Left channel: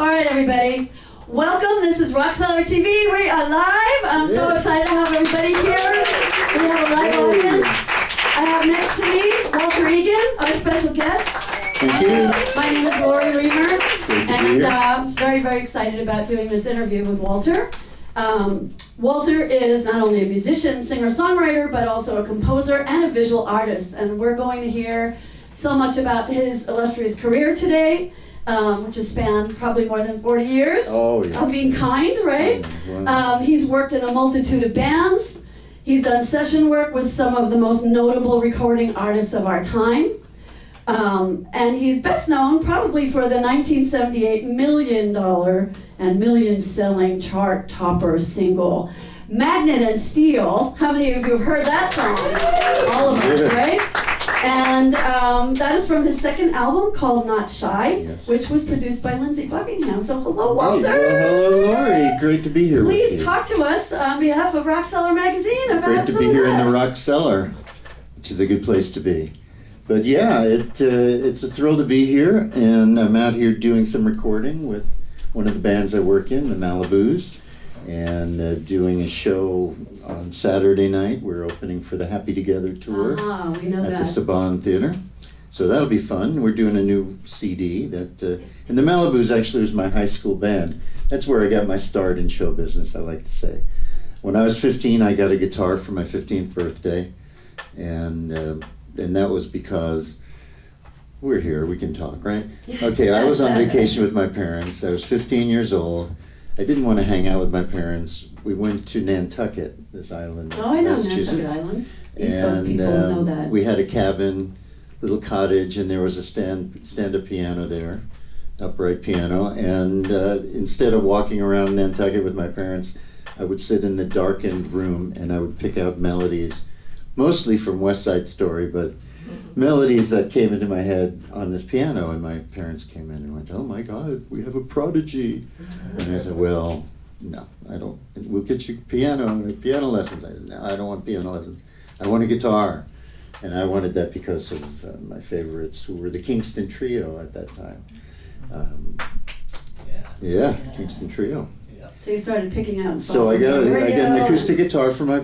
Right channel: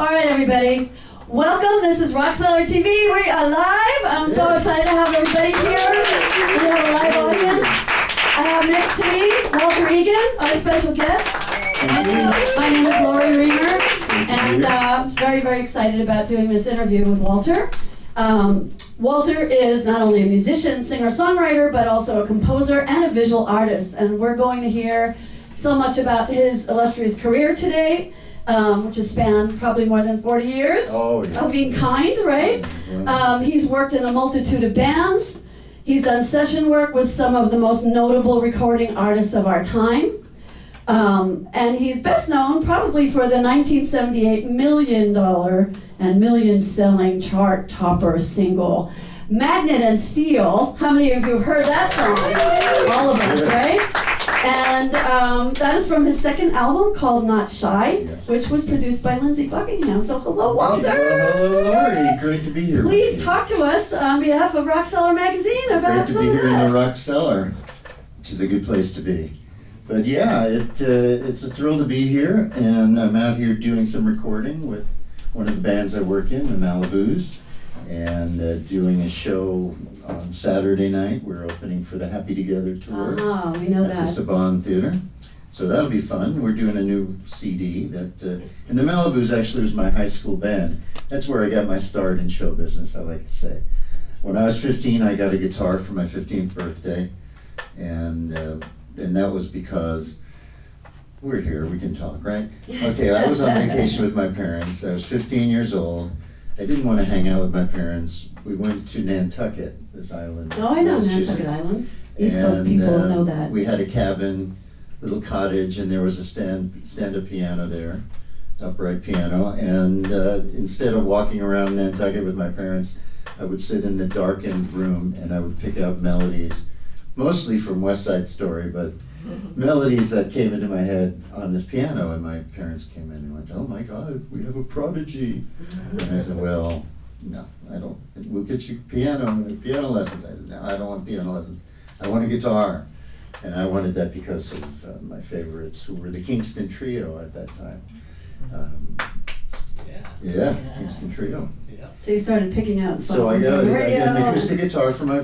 All right, everybody. Welcome. This is Rock Cellar TV. We are live. I'm so excited to have everybody here. We have a live audience. I have next to me Walter Egan, our special guest. My name is Lauri Reimer, and I'm very, very excited about doing this interview with Walter. Walter is not only a musician, singer-songwriter, but also a composer and a visual artist. And we're going to hear so much about his illustrious career today, which has spanned probably more than 40 years of being kind, right? He's worked in a multitude of bands. He's done session work with some of the most notable recording artists of our time. And he's best known probably for the 1978 $1 million and million-selling chart topper single, Magnet and Steel. How many of you have heard that song? All of us, right? And that is from his second album called Not Shy, which was produced by Lindsey Buckingham. So hello, Walter. Hello, Lauri. Great to be here. Please talk to us on behalf of Rock Cellar Magazine about some of that. Great to be here in the Rock Cellar, which is a good place to be. But yeah, it's a thrill to be here, and I'm out here doing some recording with one of the bands I work in, the Malibus, and doing a show on Saturday night. We're opening for the Happy Together tour we know at the Saban Theater. So that'll be fun. We're doing a new CD that, and the Malibus actually was my high school band. That's where I got my start in show business, I like to say. When I was 15, I got a guitar for my 15th birthday, and that was because we're here, we can talk, right? Okay, I was on vacation with my parents. I was 15 years old. I didn't want to hang out with my parents. We went to Nantucket, this island. Oh, I know Nantucket Island. East Coast people know that. We had a cabin, little cottage, and there was a stand-up piano there, upright piano. And instead of walking around Nantucket with my parents, I would sit in the darkened room and I would pick out melodies, mostly from West Side Story, but melodies that came into my head on this piano. And my parents came in and went, "Oh my God, we have a prodigy." And I said, "Well, no, I don't. We'll get you piano lessons." I said, "No, I don't want piano lessons. I want a guitar." And I wanted that because of my favorites, who were the Kingston Trio at that time. Kingston Trio. So you started picking out songs. So I got an acoustic guitar for my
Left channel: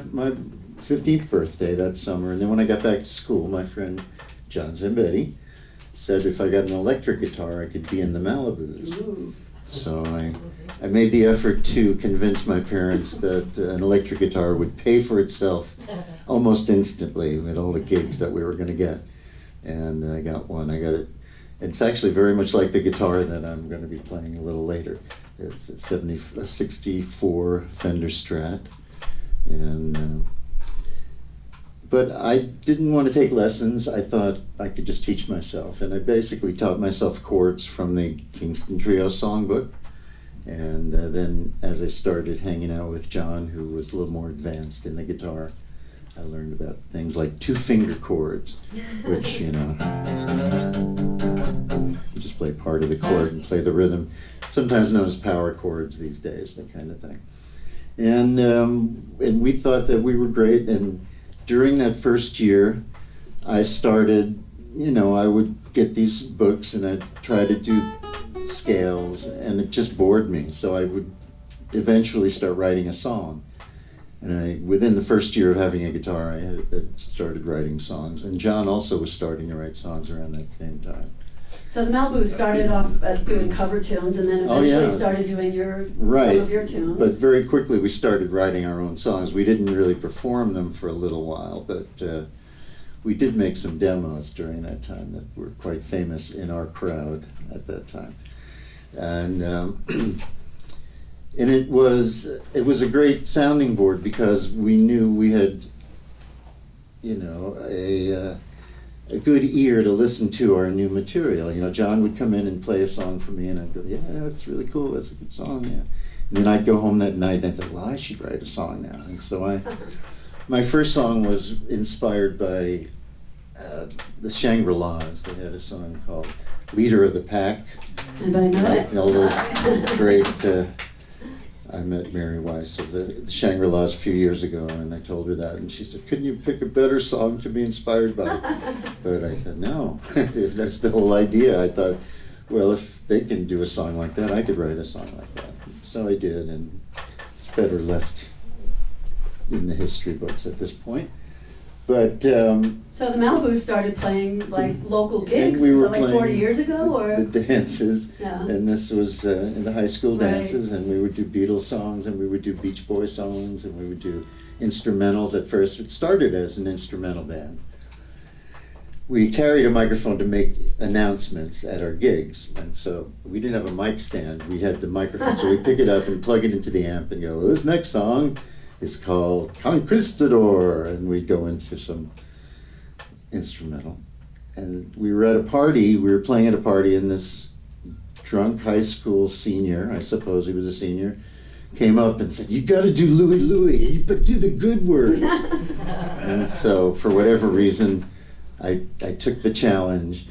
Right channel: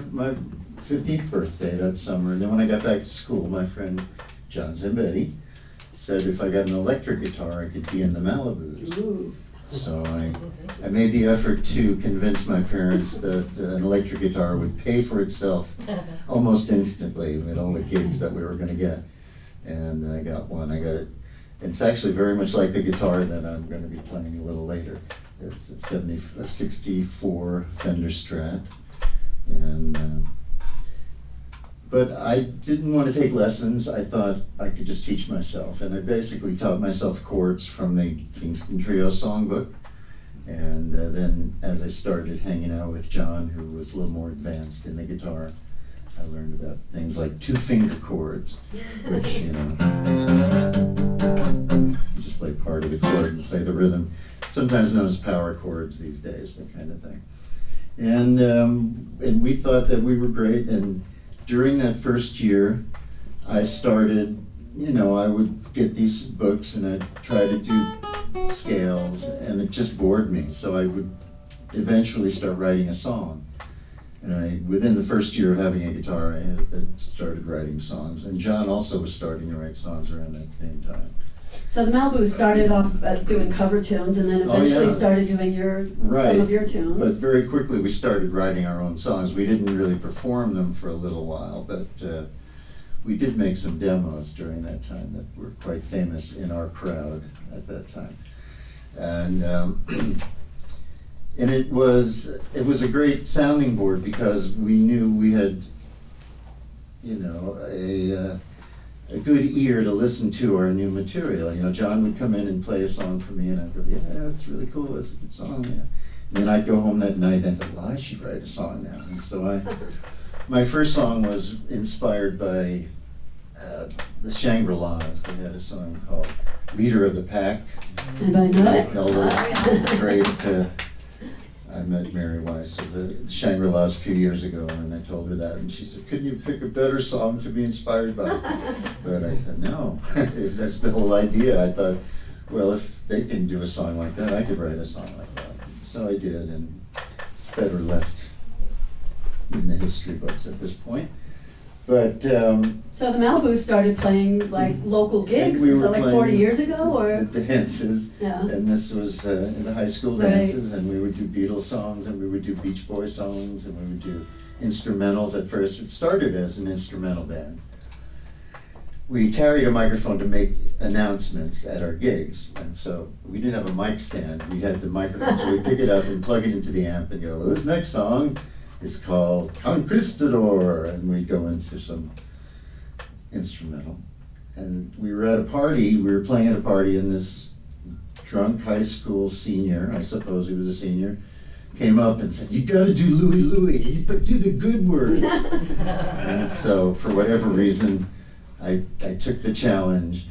15th birthday that summer. And then when I got back to school, my friend John Zambetti said if I got an electric guitar, I could be in the Malibus. Ooh. So I made the effort to convince my parents that an electric guitar would pay for itself almost instantly with all the gigs that we were going to get. And I got one. I got it. It's actually very much like the guitar that I'm going to be playing a little later. It's a 64 Fender Strat. And but I didn't want to take lessons. I thought I could just teach myself. And I basically taught myself chords from the Kingston Trio songbook. And then as I started hanging out with John, who was a little more advanced in the guitar, I learned about things like 2-finger chords, which, you just play part of the chord and play the rhythm. Sometimes known as power chords these days, that kind of thing. And we thought that we were great. And during that first year, I started, I would get these books and I'd try to do scales, and it just bored me. So I would eventually start writing a song. And within the first year of having a guitar, I had started writing songs. And John also was starting to write songs around that same time. So the Malibus started off doing cover tunes and then eventually started doing some of your tunes. But very quickly we started writing our own songs. We didn't really perform them for a little while, but we did make some demos during that time that were quite famous in our crowd at that time. And and it was a great sounding board because we knew we had, a good ear to listen to our new material. John would come in and play a song for me, and I'd go, "Yeah, that's really cool. That's a good song." Yeah. And then I'd go home that night and I'd think, "Well, I should write a song now." And so my first song was inspired by the Shangri-Las. They had a song called "Leader of the Pack." Anybody know it? Tell those great. I met Mary Weiss of the Shangri-Las a few years ago, and I told her that, and she said, "Couldn't you pick a better song to be inspired by?" But I said, no, if that's the whole idea. I thought well, if they can do a song like that, I could write a song like that. So I did, and it's better left in the history books at this point. But So the Malibus started playing like local gigs, we so were like playing 40 years ago, or? the dances, Yeah. and this was in the high school Right. dances, and we would do Beatles songs, and we would do Beach Boy songs, and we would do instrumentals at first. It started as an instrumental band. We carried a microphone to make announcements at our gigs, and so we didn't have a mic stand. We had the microphone, so we'd pick it up and plug it into the amp and go, well, this next song is called Conquistador, and we'd go into some instrumental. And we were at a party, we were playing at a party, and this drunk high school senior, I suppose he was a senior, came up and said, you gotta do Louie Louie, but do the good words. And so, for whatever reason, I took the challenge.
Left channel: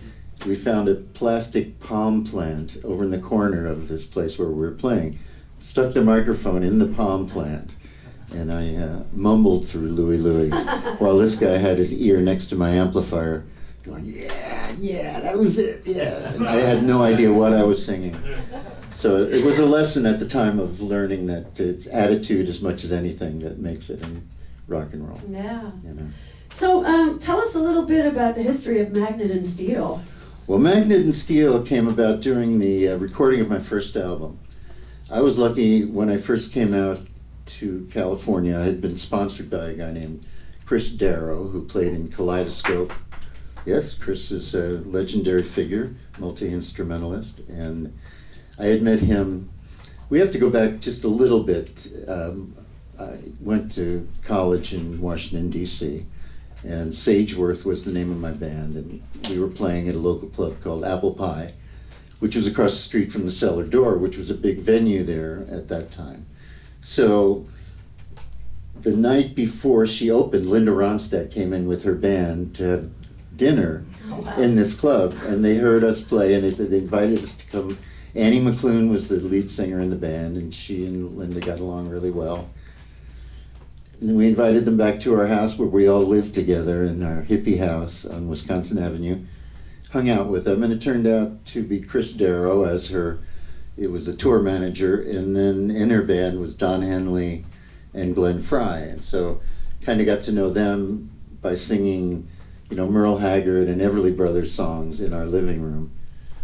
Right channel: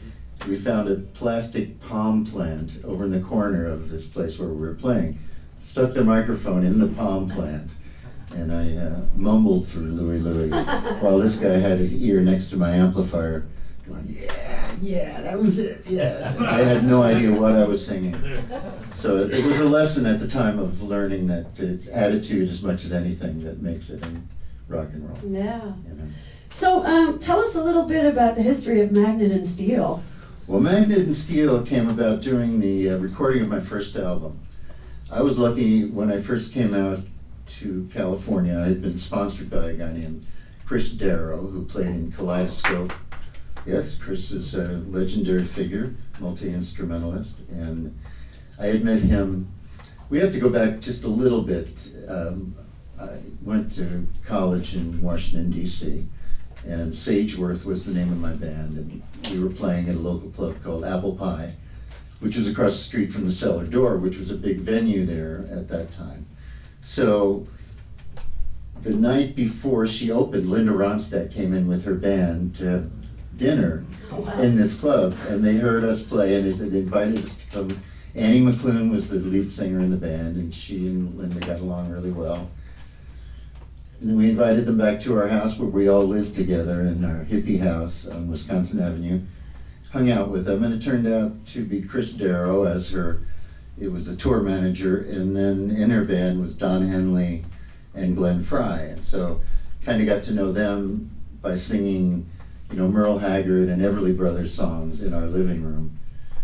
We found a plastic palm plant over in the corner of this place where we were playing, stuck the microphone in the palm plant, and I mumbled through Louie Louie while this guy had his ear next to my amplifier going, yeah, that was it, yeah. And I had no idea what I was singing. So it was a lesson at the time of learning that it's attitude as much as anything that makes it in rock and roll. Yeah. You know? So tell us a little bit about the history of Magnet and Steel. Well, Magnet and Steel came about during the recording of my first album. I was lucky when I first came out to California. I had been sponsored by a guy named Chris Darrow, who played in Kaleidoscope. Yes, Chris is a legendary figure, multi-instrumentalist, and I had met him. We have to go back just a little bit. I went to college in Washington, D.C., and Sageworth was the name of my band, and we were playing at a local club called Apple Pie, which was across the street from the Cellar Door, which was a big venue there at that time. So the night before she opened, Linda Ronstadt came in with her band to have dinner in this club, and they heard us play, and they said they invited us to come. Annie McClune was the lead singer in the band, and she and Linda got along really well. And then we invited them back to our house where we all lived together in our hippie house on Wisconsin Avenue, hung out with them, and it turned out to be Chris Darrow as it was the tour manager, and then in her band was Don Henley and Glenn Fry. And so kind of got to know them by singing, Merle Haggard and Everly Brothers songs in our living room.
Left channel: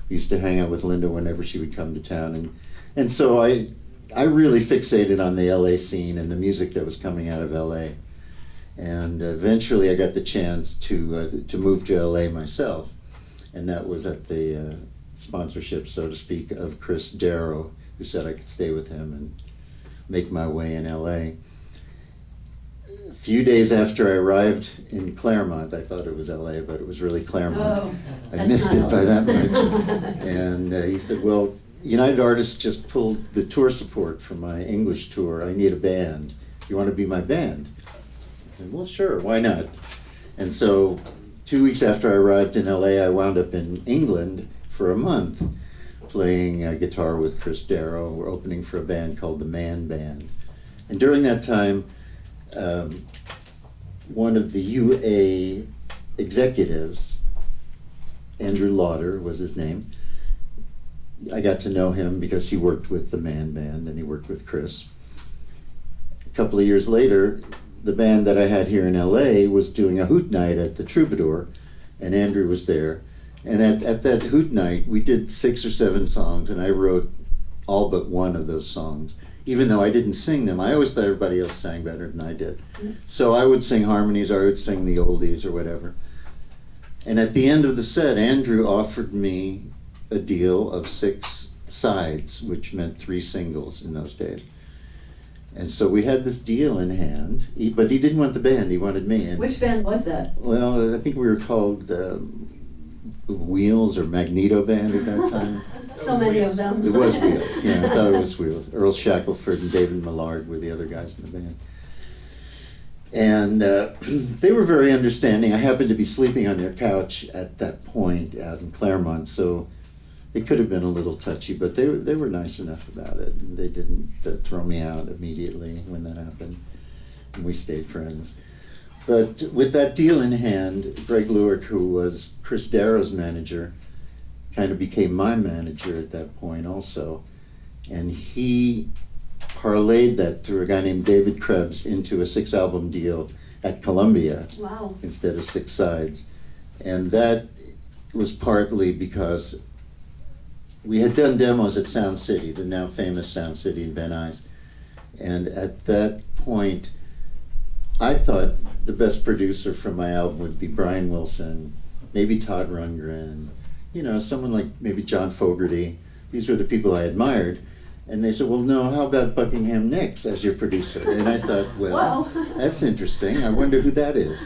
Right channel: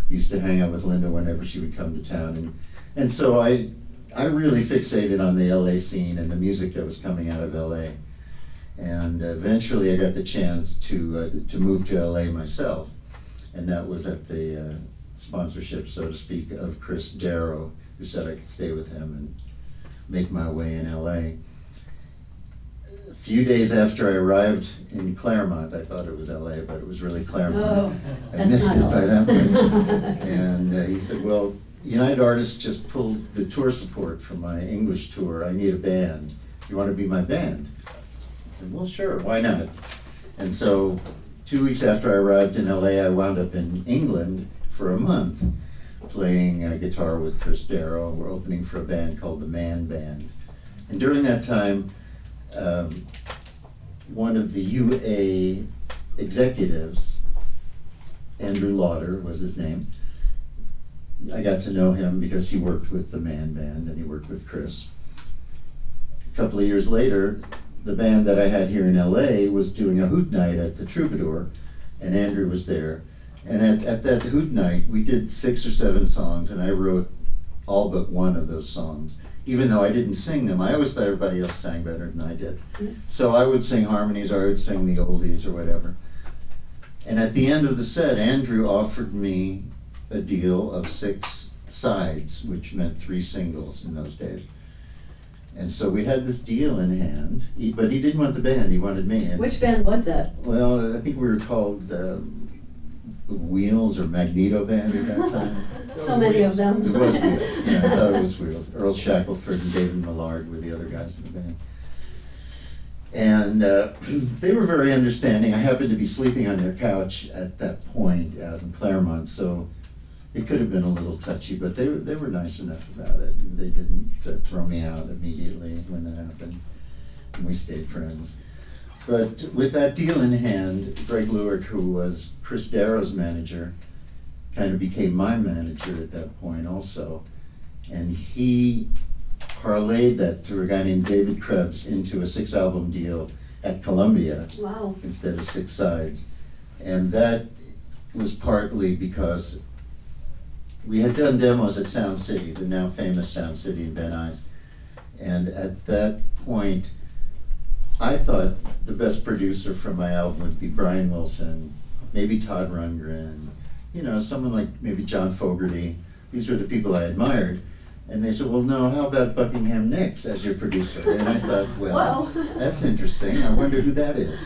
We used to hang out with Linda whenever she would come to town. And so I really fixated on the LA scene and the music that was coming out of LA. And eventually I got the chance to move to LA myself. And that was at the sponsorship, so to speak, of Chris Darrow, who said I could stay with him and make my way in LA. A few days after I arrived in Claremont, I thought it was LA, but it was really Claremont. Oh, I missed it by that much. And he said, well, United Artists just pulled the tour support for my English tour. I need a band. You want to be my band? I said, well, sure, why not? And so 2 weeks after I arrived in LA, I wound up in England for a month playing guitar with Chris Darrow. We're opening for a band called the Man Band. And during that time, one of the UA executives, Andrew Lauder was his name, I got to know him because he worked with the Man Band and he worked with Chris. A couple of years later, the band that I had here in LA was doing a hoot night at the Troubadour, and Andrew was there. And at that hoot night, we did 6 or 7 songs, and I wrote all but one of those songs. Even though I didn't sing them, I always thought everybody else sang better than I did. So I would sing harmonies, or I would sing the oldies or whatever. And at the end of the set, Andrew offered me a deal of 6 sides, which meant 3 singles in those days. And so we had this deal in hand, but he didn't want the band, he wanted me. And, which band was that? well, I think we were called Wheels or Magneto Band at that time. So many of them. It was Wheels, yeah, I thought it was Wheels. Earl Shackelford and David Millard were the other guys in the band. And they were very understanding. I happened to be sleeping on their couch at that point out in Claremont, so it could have been a little touchy, but they were nice enough about it. They didn't throw me out immediately when that happened, and we stayed friends. But with that deal in hand, Greg Lewert, who was Chris Darrow's manager, kind of became my manager at that point also. And he parlayed that through a guy named David Krebs into a 6-album deal at Columbia. Wow. Instead of 6 sides. And that was partly because we had done demos at Sound City, the now famous Sound City in Van Nuys. And at that point, I thought the best producer for my album would be Brian Wilson, maybe Todd Rundgren, you know, someone like maybe John Fogerty. These were the people I admired. And they said, well, no, how about Buckingham Nicks as your producer? And I thought, well, that's interesting. I wonder who that is.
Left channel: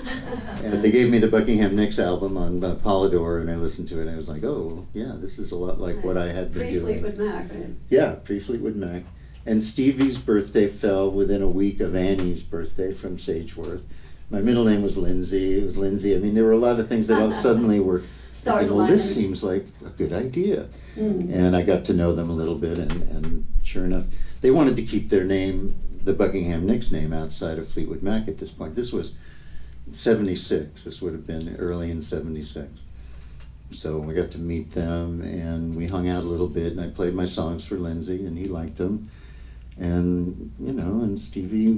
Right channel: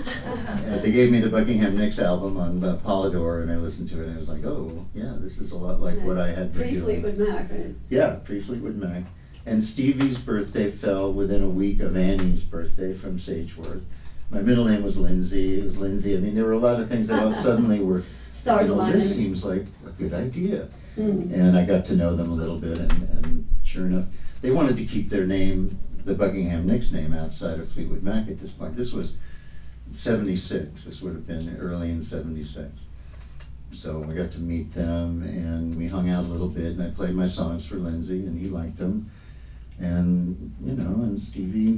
And they gave me the Buckingham Nicks album on Polydor, and I listened to it, and I was like, oh, well, yeah, this is a lot like what I had been doing. Pre-Fleetwood Mac, right? Yeah, pre-Fleetwood Mac. And Stevie's birthday fell within a week of Annie's birthday from Sageworth. My middle name was Lindsay. It was Lindsay. I mean, there were a lot of things that all suddenly were, Stars well, aligning. this seems like a good idea. And I got to know them a little bit, and sure enough, they wanted to keep their name, the Buckingham Nicks name, outside of Fleetwood Mac at this point. This was 76. This would have been early in 76. So we got to meet them, and we hung out a little bit, and I played my songs for Lindsay, and he liked them. And, you know, and Stevie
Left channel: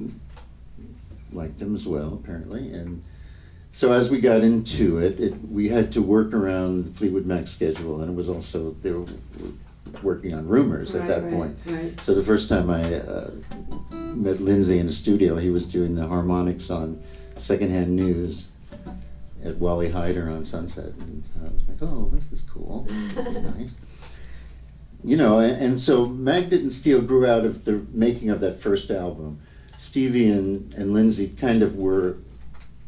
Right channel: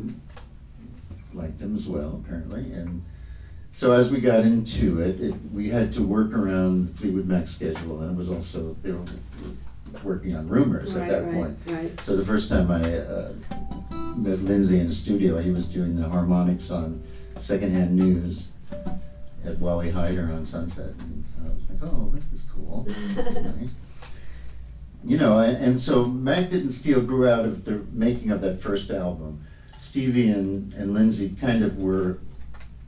liked them as well, apparently. And so as we got into it, we had to work around Fleetwood Mac's schedule, and it was also, they were working on Rumors at that point. Right. So the first time I met Lindsay in the studio, he was doing the harmonics on Secondhand News at Wally Hyder on Sunset. And so I was like, oh, this is cool, this is nice. You know, and so Mag Didn't Steal grew out of the making of that first album. Stevie and Lindsay kind of were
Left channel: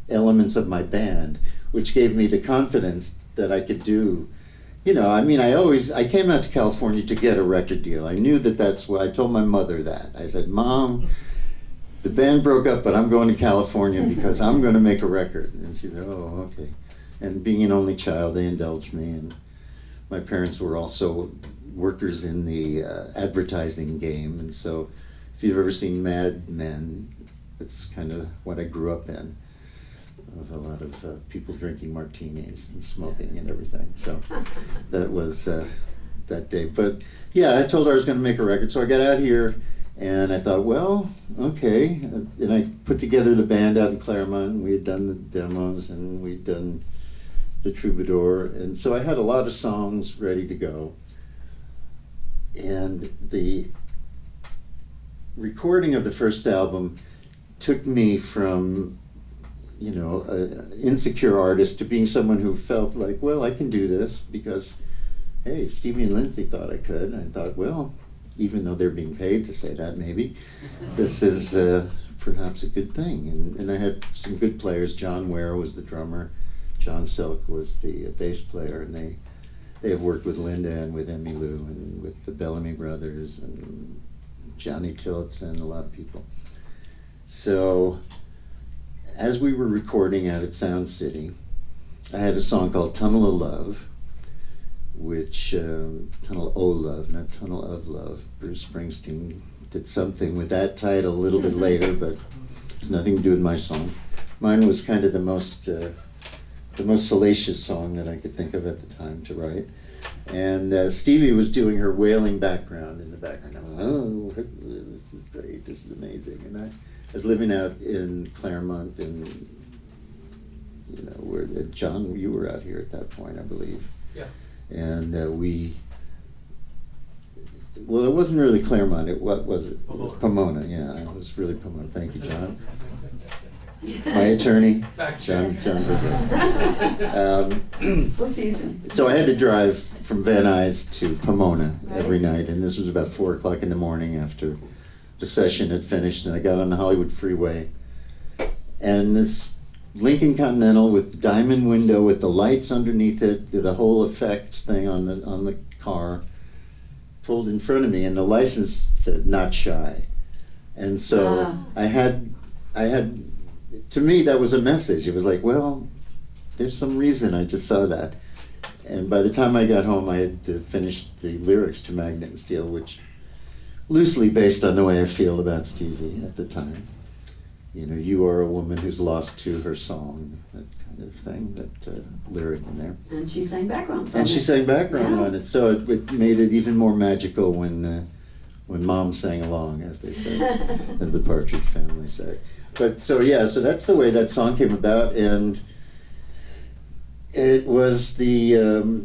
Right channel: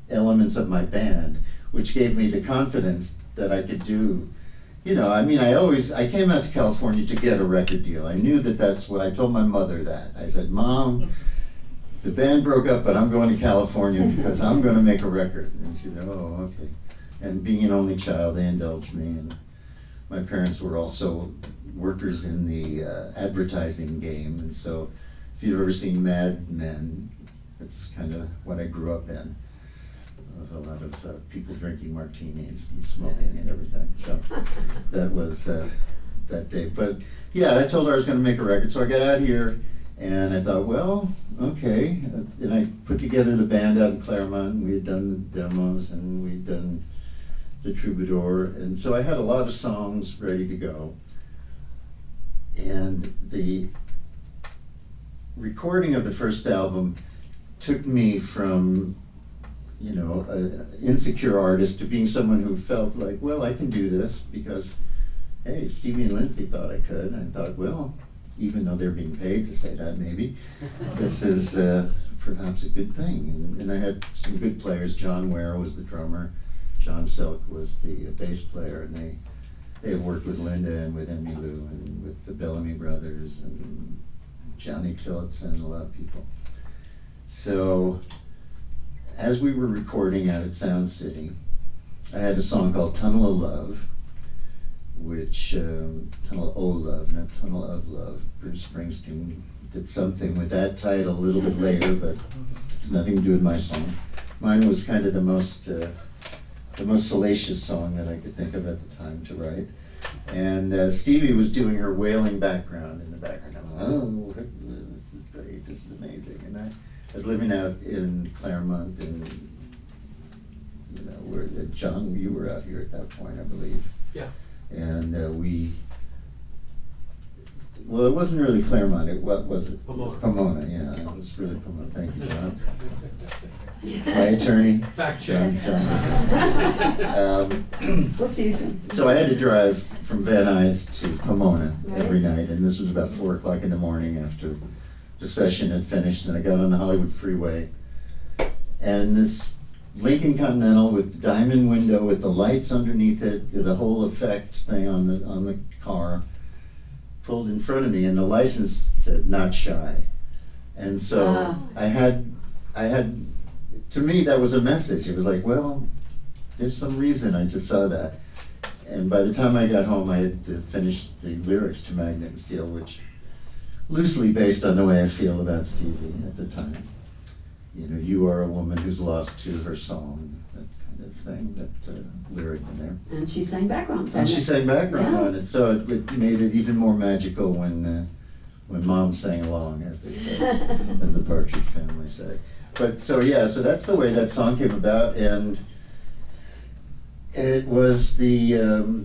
elements of my band, which gave me the confidence that I could do. You know, I mean, I came out to California to get a record deal. I knew that that's what I told my mother that. I said, Mom, the band broke up, but I'm going to California because I'm going to make a record. And she said, oh, okay. And being an only child, they indulged me. And my parents were also workers in the advertising game. And so if you've ever seen Mad Men, that's kind of what I grew up in. Of a lot of people drinking martinis and smoking and everything. So that was that day. But yeah, I told her I was going to make a record. So I got out here and I thought, well, okay. And I put together the band out in Claremont, and we had done the demos and we'd done the Troubadour. And so I had a lot of songs ready to go. And the recording of the first album took me from, you know, an insecure artist to being someone who felt like, well, I can do this because, hey, Stevie and Lindsay thought I could. And I thought, well, even though they're being paid to say that, maybe, this is perhaps a good thing. And I had some good players. John Ware was the drummer. John Silk was the bass player. And they have worked with Linda and with Emmylou and with the Bellamy Brothers and Johnny Tillotson and a lot of people. So as we were recording out at Sound City, I had a song called Tunnel of Love, which, Tunnel O' Love, not Tunnel of Love. Bruce Springsteen did something with that title a little bit later, but it's nothing to do with my song. Mine was kind of the most salacious song that I could think of at the time to write. And Stevie was doing her wailing background in the background. I'm like, oh, this is great, this is amazing. And I was living out in Claremont, and you know, where John, you were out here at that point, I believe. Yeah. And well, it wasn't really Claremont. What was it? Pomona. It was Pomona. Yeah, it was really Pomona. Thank you, John. My attorney. Fact John. check. John's okay. We'll see you soon. So I had to drive from Van Nuys to Pomona every night, and this was about 4 o'clock in the morning after the session had finished, and I got on the Hollywood Freeway, and this Lincoln Continental with the diamond window with the lights underneath it, the whole effects thing on the car, pulled in front of me, and the license said "not shy," and so I had. To me, that was a message. It was like, well, there's some reason I just saw that. And by the time I got home, I had to finish the lyrics to Mag Didn't Steal, which loosely based on the way I feel about Stevie at the time. you know, you are a woman who's lost to her song, that kind of thing, that lyric in there. And she sang background songs. And she sang background Yeah. on it, so it made it even more magical when Mom sang along, as they say, as the Partridge Family say. But so that's the way that song came about, and it was the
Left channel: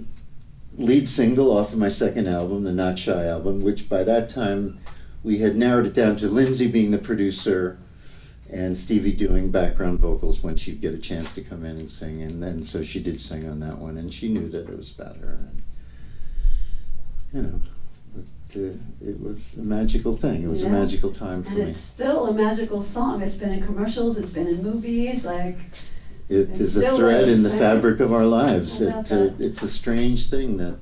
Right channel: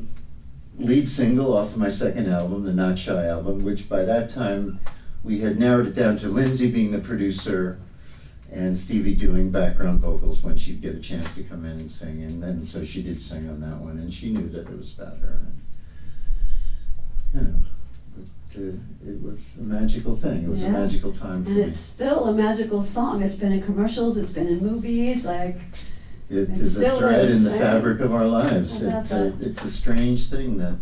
lead single off of my second album, the Not Shy album, which by that time we had narrowed it down to Lindsay being the producer and Stevie doing background vocals when she'd get a chance to come in and sing. And then so she did sing on that one, and she knew that it was about her. And, you know, but, it was a magical thing. It was a magical time for and me. it's still a magical song. It's been in commercials, it's been in movies, like... It It is a still thread is, in the fabric of our lives. How about that? It's a strange thing that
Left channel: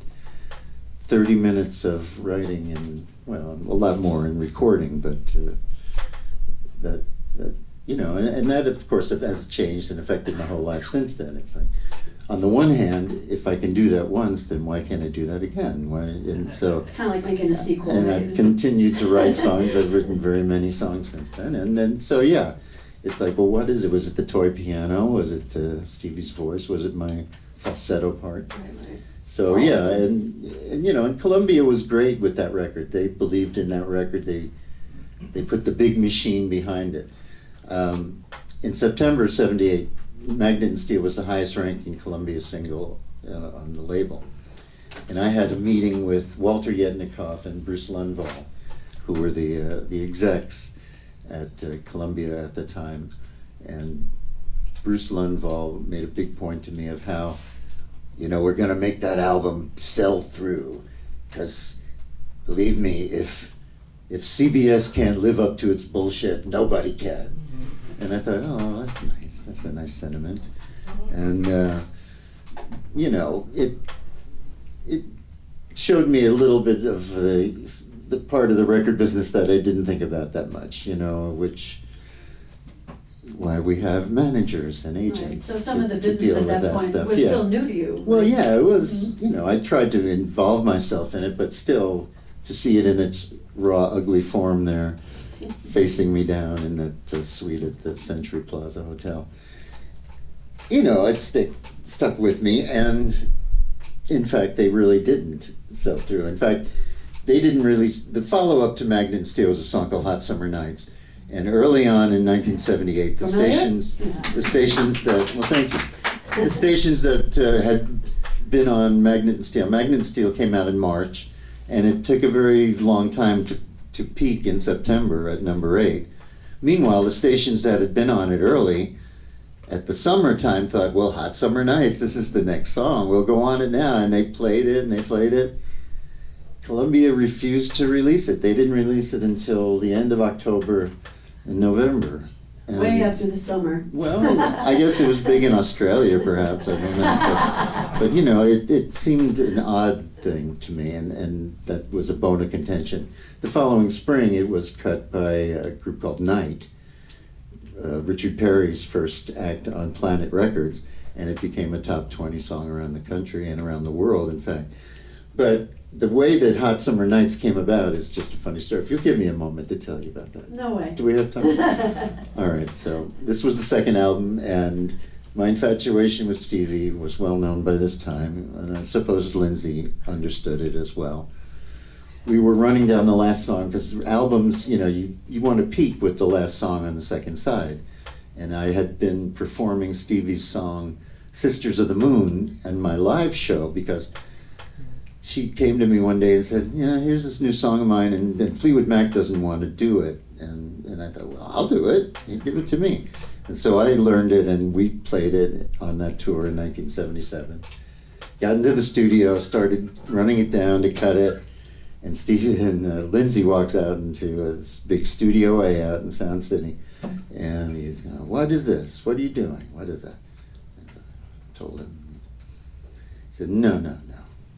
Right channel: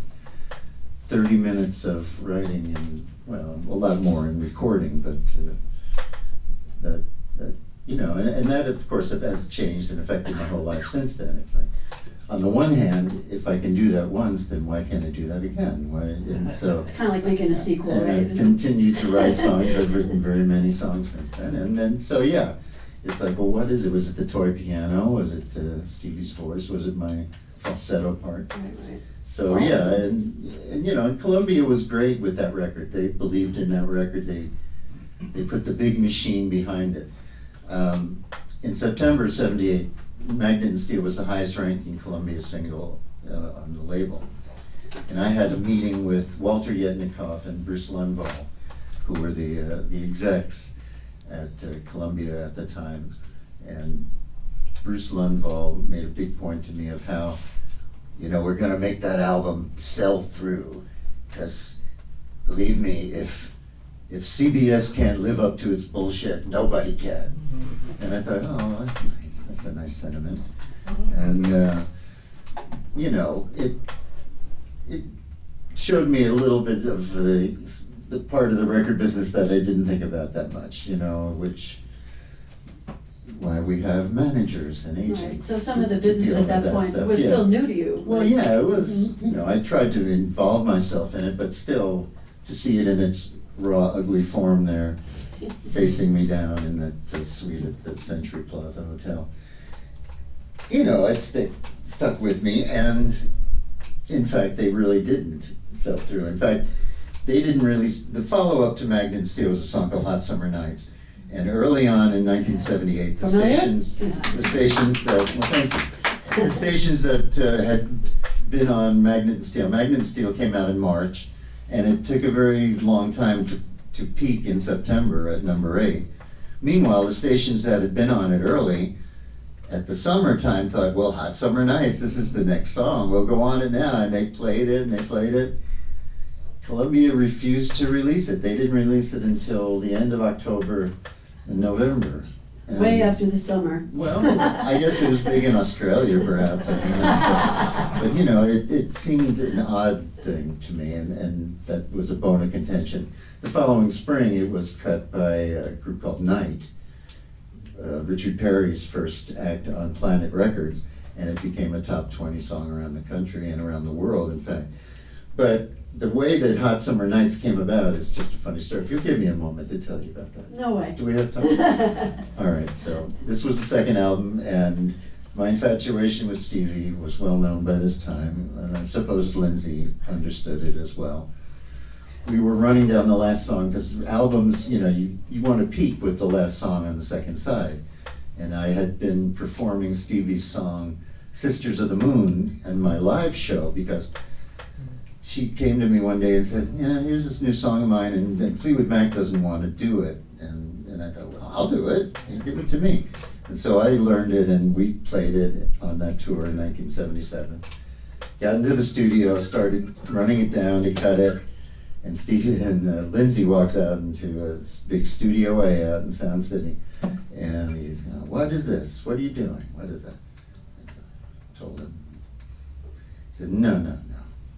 30 minutes of writing and, well, a lot more in recording, but that you know, and that of course has changed and affected my whole life since then. It's like, on the one hand, if I can do that once, then why can't I do that again? Why, and so. It's kind of like making a sequel, And right? I've continued to write songs. I've written very many songs since then, and then so yeah. It's like, well, what is it? Was it the toy piano? Was it Stevie's voice? Was it my falsetto part? Right. So yeah, and you know, and Columbia was great with that record. They believed in that record. They put the big machine behind it. In September '78, Magnet and Steel was the highest ranking Columbia single on the label, and I had a meeting with Walter Yetnikoff and Bruce Lundvall, who were the execs at Columbia at the time, and Bruce Lundvall made a big point to me of how, you know, we're gonna make that album sell through, because believe me, if CBS can't live up to its bullshit, nobody can. And I thought, oh, that's nice. That's a nice sentiment. And you know, it showed me a little bit of the part of the record business that I didn't think about that much, you know, why we have managers and agents. Right. So some of the business at that point stuff. was still new to you. Well, yeah, it was, you know, I tried to involve myself in it, but still to see it in its raw, ugly form there, facing me down in that suite at the Century Plaza Hotel. You know, it stuck with me, and in fact, they really didn't sell through. In fact, they didn't release, the follow-up to Magnet and Steel was a song called Hot Summer Nights. And early on in 1978, the stations that, well, thank you, the stations that had been on Magnet and Steel came out in March, and it took a very long time to peak in September at number 8. Meanwhile, the stations that had been on it early, at the summertime, thought, well, Hot Summer Nights, this is the next song, we'll go on it now, and they played it, and they played it. Columbia refused to release it. They didn't release it until the end of October and November. And, Way after the summer. well, I guess it was big in Australia, perhaps. I don't know. But you know, it seemed an odd thing to me, and that was a bone of contention. The following spring, it was cut by a group called Night, Richard Perry's first act on Planet Records, and it became a top 20 song around the country and around the world, in fact. But the way that Hot Summer Nights came about is just a funny story. If you'll give me a moment to tell you about that. No way. Do we have time? All right, so this was the second album, and my infatuation with Stevie was well known by this time, and I suppose Lindsay understood it as well. We were running down the last song, because albums, you know, you want to peak with the last song on the second side. And I had been performing Stevie's song, Sisters of the Moon, in my live show, because she came to me one day and said, you know, here's this new song of mine, and Fleetwood Mac doesn't want to do it. And I thought, well, I'll do it. Give it to me. And so I learned it, and we played it on that tour in 1977. Got into the studio, started running it down to cut it, and Stevie and Lindsay walks out into a big studio A out in Sound City. And he's going, what is this? What are you doing? What is that? And I told him. He said, no.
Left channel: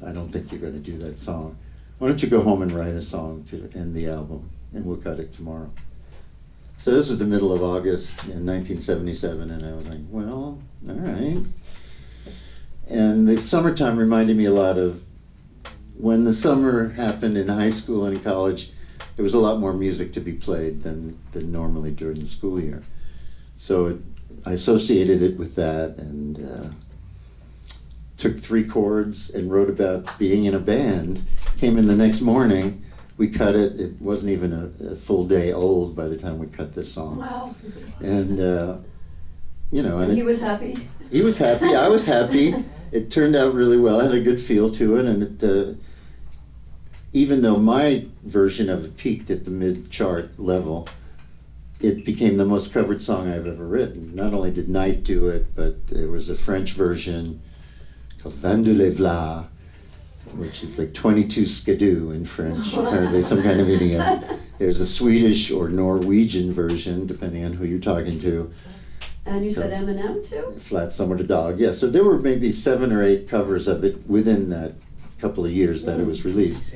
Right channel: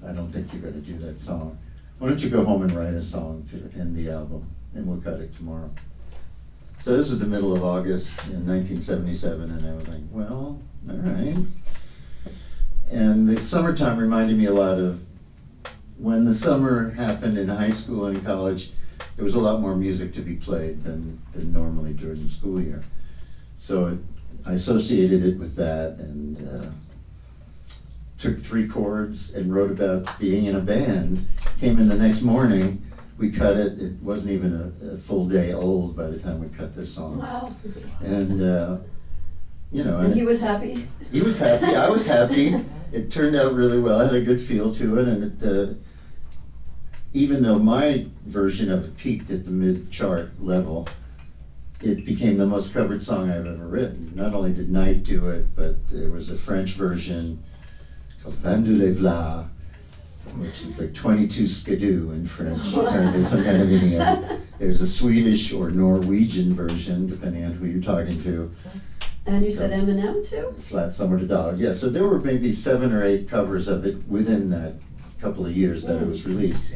I don't think you're going to do that song. Why don't you go home and write a song to end the album, and we'll cut it tomorrow. So this was the middle of August in 1977, and I was like, well, all right. And the summertime reminded me a lot of when the summer happened in high school and college. There was a lot more music to be played than normally during the school year. So I associated it with that, and took 3 chords and wrote about being in a band. Came in the next morning, we cut it. It wasn't even a full day old by the time we cut this song. Wow. And And he was happy? he was happy. I was happy. It turned out really well. It had a good feel to it, and it, even though my version of it peaked at the mid-chart level, it became the most covered song I've ever written. Not only did Knight do it, but there was a French version called Vin de l'Evla, which is like 22 skidoo in French, apparently some kind of idiom. There's a Swedish or Norwegian version, depending on who you're talking to. And you said Eminem too? Flat Summer to Dog, yeah. So there were maybe 7 or 8 covers of it within that couple of years that it was released.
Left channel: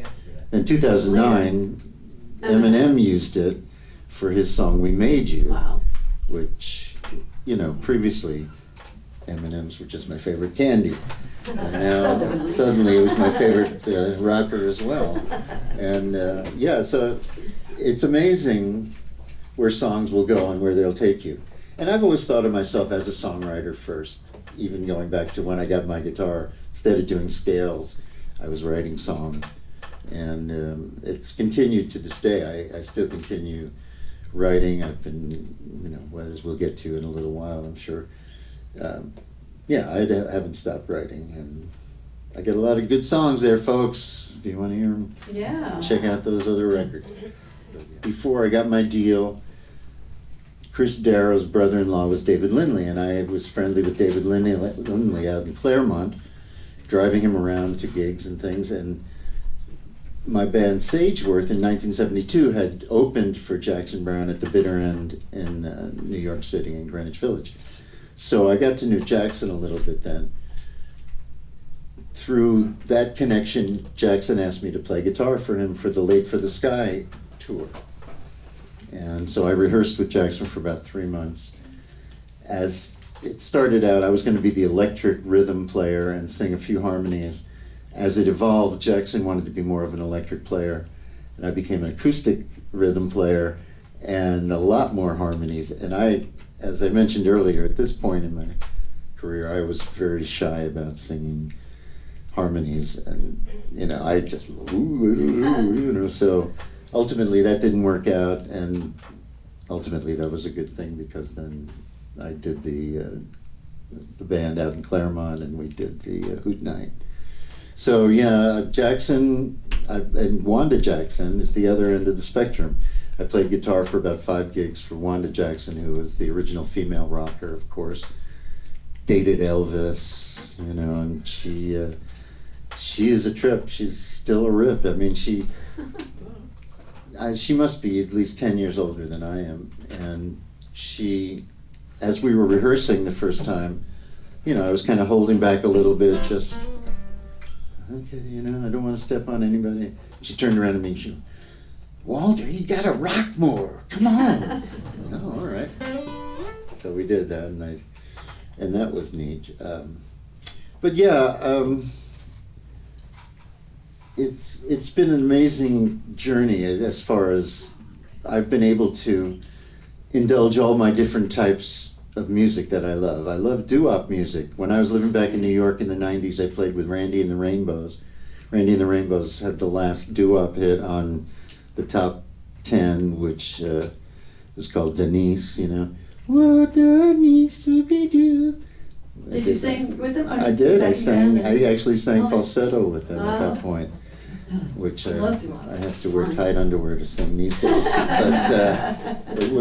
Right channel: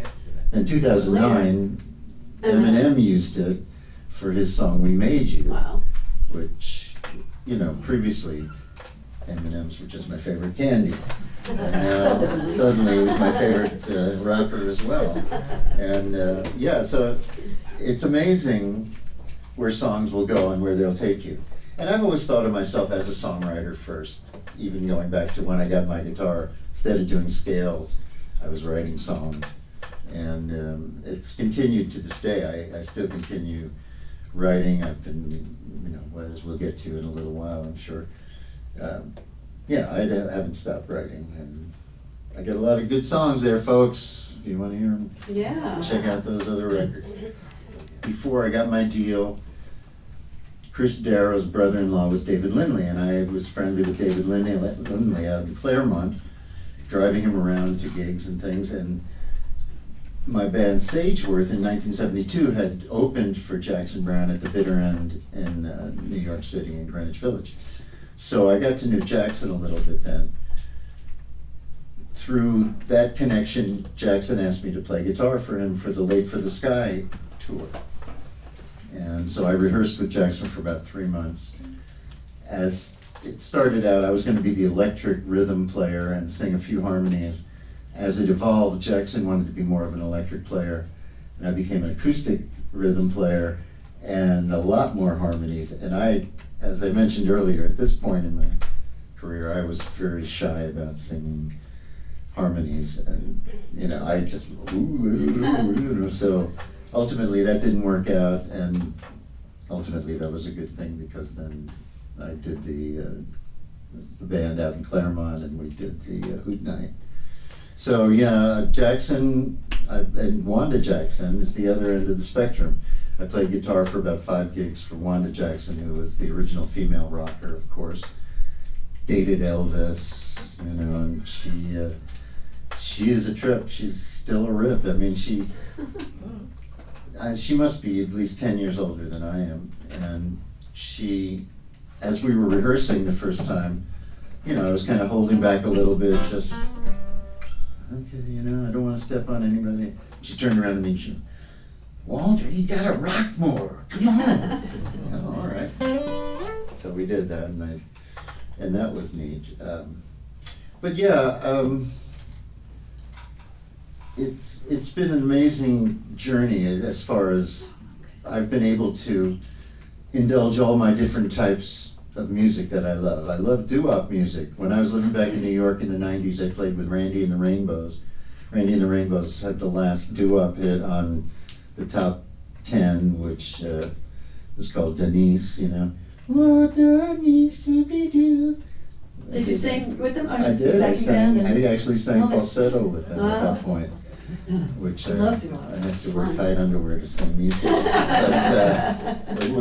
In 2009, Eminem used it for his song We Made You, Wow. which, previously M&Ms were just my favorite candy. And now suddenly it was my favorite rapper as well. And so it's amazing where songs will go and where they'll take you. And I've always thought of myself as a songwriter first, even going back to when I got my guitar. Instead of doing scales, I was writing songs. And it's continued to this day. I still continue writing. I've been, as we'll get to in a little while, I'm sure. I haven't stopped writing. And I get a lot of good songs there, folks. If you want to hear them, check out those other records. Before I got my deal, Chris Darrow's brother-in-law was David Lindley, and I was friendly with David Lindley out in Claremont, driving him around to gigs and things. And my band Sageworth in 1972 had opened for Jackson Browne at the Bitter End in New York City in Greenwich Village. So I got to know Jackson a little bit then. Through that connection, Jackson asked me to play guitar for him for the Late for the Sky tour. And so I rehearsed with Jackson for about 3 months. As it started out, I was going to be the electric rhythm player and sing a few harmonies. As it evolved, Jackson wanted to be more of an electric player, and I became an acoustic rhythm player and a lot more harmonies. And I, as I mentioned earlier, at this point in my career, I was very shy about singing harmonies, and I just so ultimately that didn't work out, and ultimately that was a good thing, because then I did the band out in Claremont, and we did the Hoot Night. So Jackson and Wanda Jackson is the other end of the spectrum. I played guitar for about 5 gigs for Wanda Jackson, who was the original female rocker, of course. Dated Elvis, and she is a trip. She's still a rip. I mean, she must be at least 10 years older than I am. And she, as we were rehearsing the first time, I was kind of holding back a little bit, just, okay, I don't want to step on anybody. She turned around to me and she, Walter, you gotta rock more. Come on. All right. So we did that, and that was neat. It's been an amazing journey as far as I've been able to indulge all my different types of music that I love. I love doo-wop music. When I was living back in New York in the 90s, I played with Randy and the Rainbows. Randy and the Rainbows had the last doo-wop hit on the top 10, which was called Denise, What there needs to be do. Did you sing with them? I did. I actually sang falsetto with them at that point, which I have to wear tight underwear to sing these days. But it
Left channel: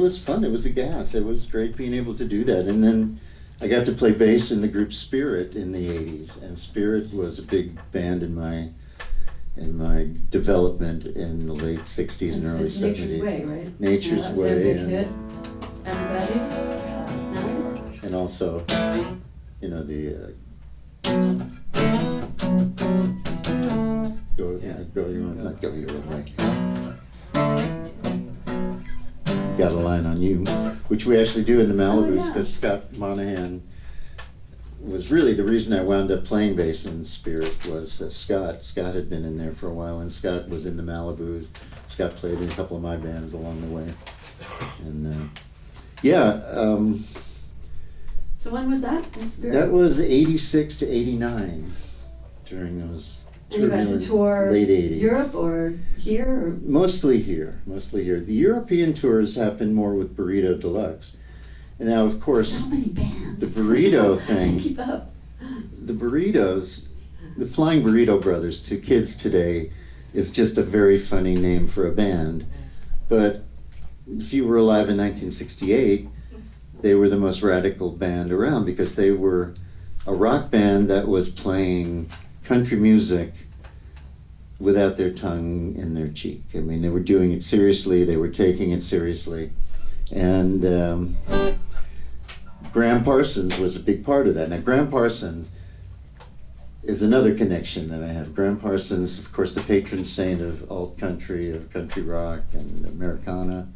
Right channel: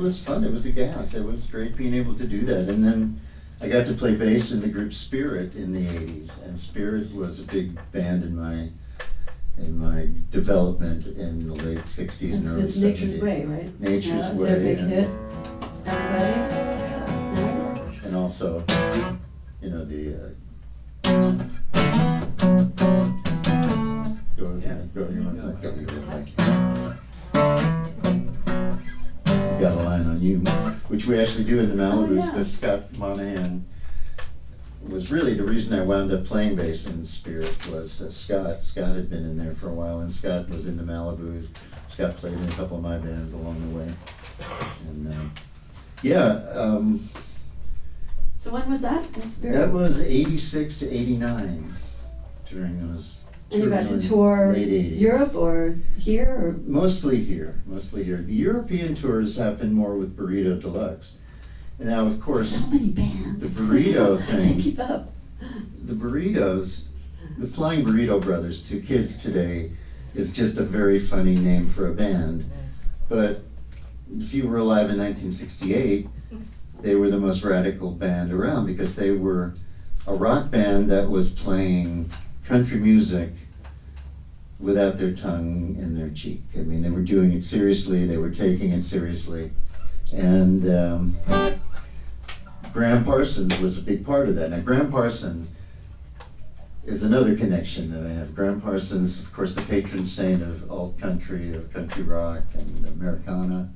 was fun. It was a gas. It was great being able to do that. And then I got to play bass in the group Spirit in the 80s, and Spirit was a big band in my development in the late 60s and early 70s. Nature's Way, right? Nature's That's Way. their big hit. Everybody? Nice. And also, the go your own way. Got a line on you, which we actually do in the Malibus, because Scott Monahan was really the reason I wound up playing bass in Spirit. Was Scott had been in there for a while, and Scott was in the Malibus. Scott played in a couple of my bands along the way, and Yeah, So when was that in Spirit? that was 86 to 89 during those And you got to turbulent tour late 80s. Europe or here? Or? Mostly here. The European tours happened more with Burrito Deluxe. And now, of course, So many bands. the burrito thing, Keep up. the burritos, the Flying Burrito Brothers to kids today is just a very funny name for a band. But if you were alive in 1968, they were the most radical band around because they were a rock band that was playing country music without their tongue in their cheek. I mean, they were doing it seriously, they were taking it seriously. And Graham Parsons was a big part of that. Now, Graham Parsons is another connection that I have. Graham Parsons, of course, the patron saint of alt country, of country rock and Americana.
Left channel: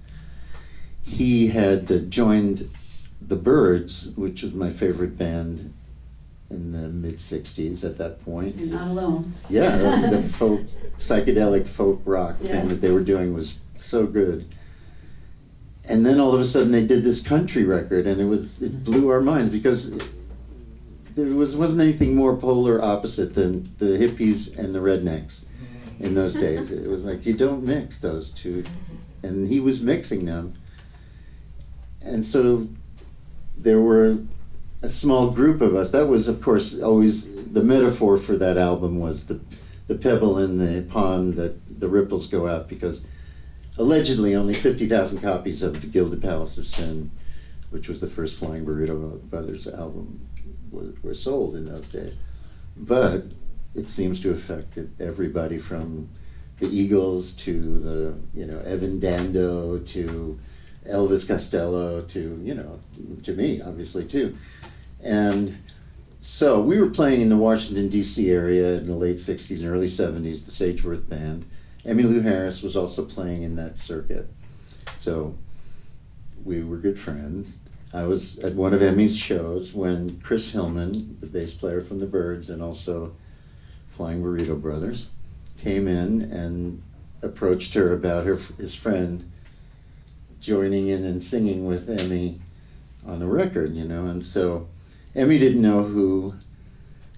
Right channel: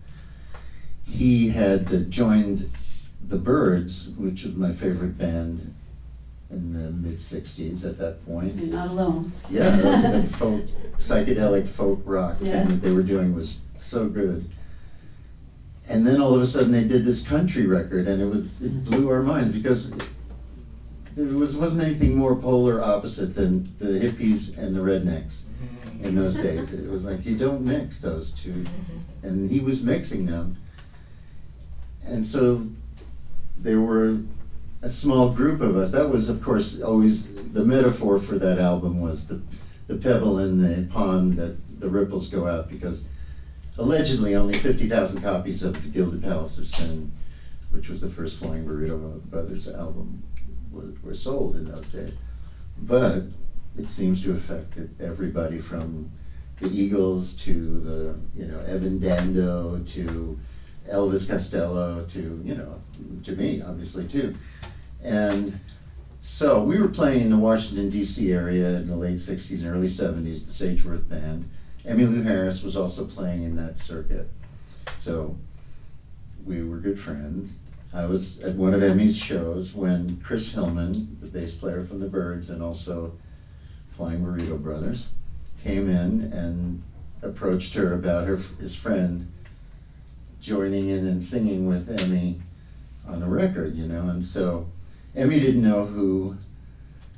He had joined the Byrds, which was my favorite band in the mid-60s at that point. You're not alone. Yeah, the folk, psychedelic folk rock thing that they were doing was so good. And then all of a sudden they did this country record, and it blew our minds because there wasn't anything more polar opposite than the hippies and the rednecks in those days. It was like, you don't mix those two. And he was mixing them. And so there were a small group of us. That was, of course, always the metaphor for that album was the pebble in the pond that the ripples go out, because allegedly only 50,000 copies of The Gilded Palace of Sin, which was the first Flying Burrito Brothers album, were sold in those days. But it seems to have affected everybody from the Eagles to Evan Dando to Elvis Costello to, to me, obviously, too. And so we were playing in the Washington, D.C. area in the late 60s and early 70s, the Chatsworth Band. Emmylou Harris was also playing in that circuit. So we were good friends. I was at one of Emmy's shows when Chris Hillman, the bass player from the Byrds and also Flying Burrito Brothers, came in and approached her about his friend joining in and singing with Emmy on a record, and so Emmy didn't know who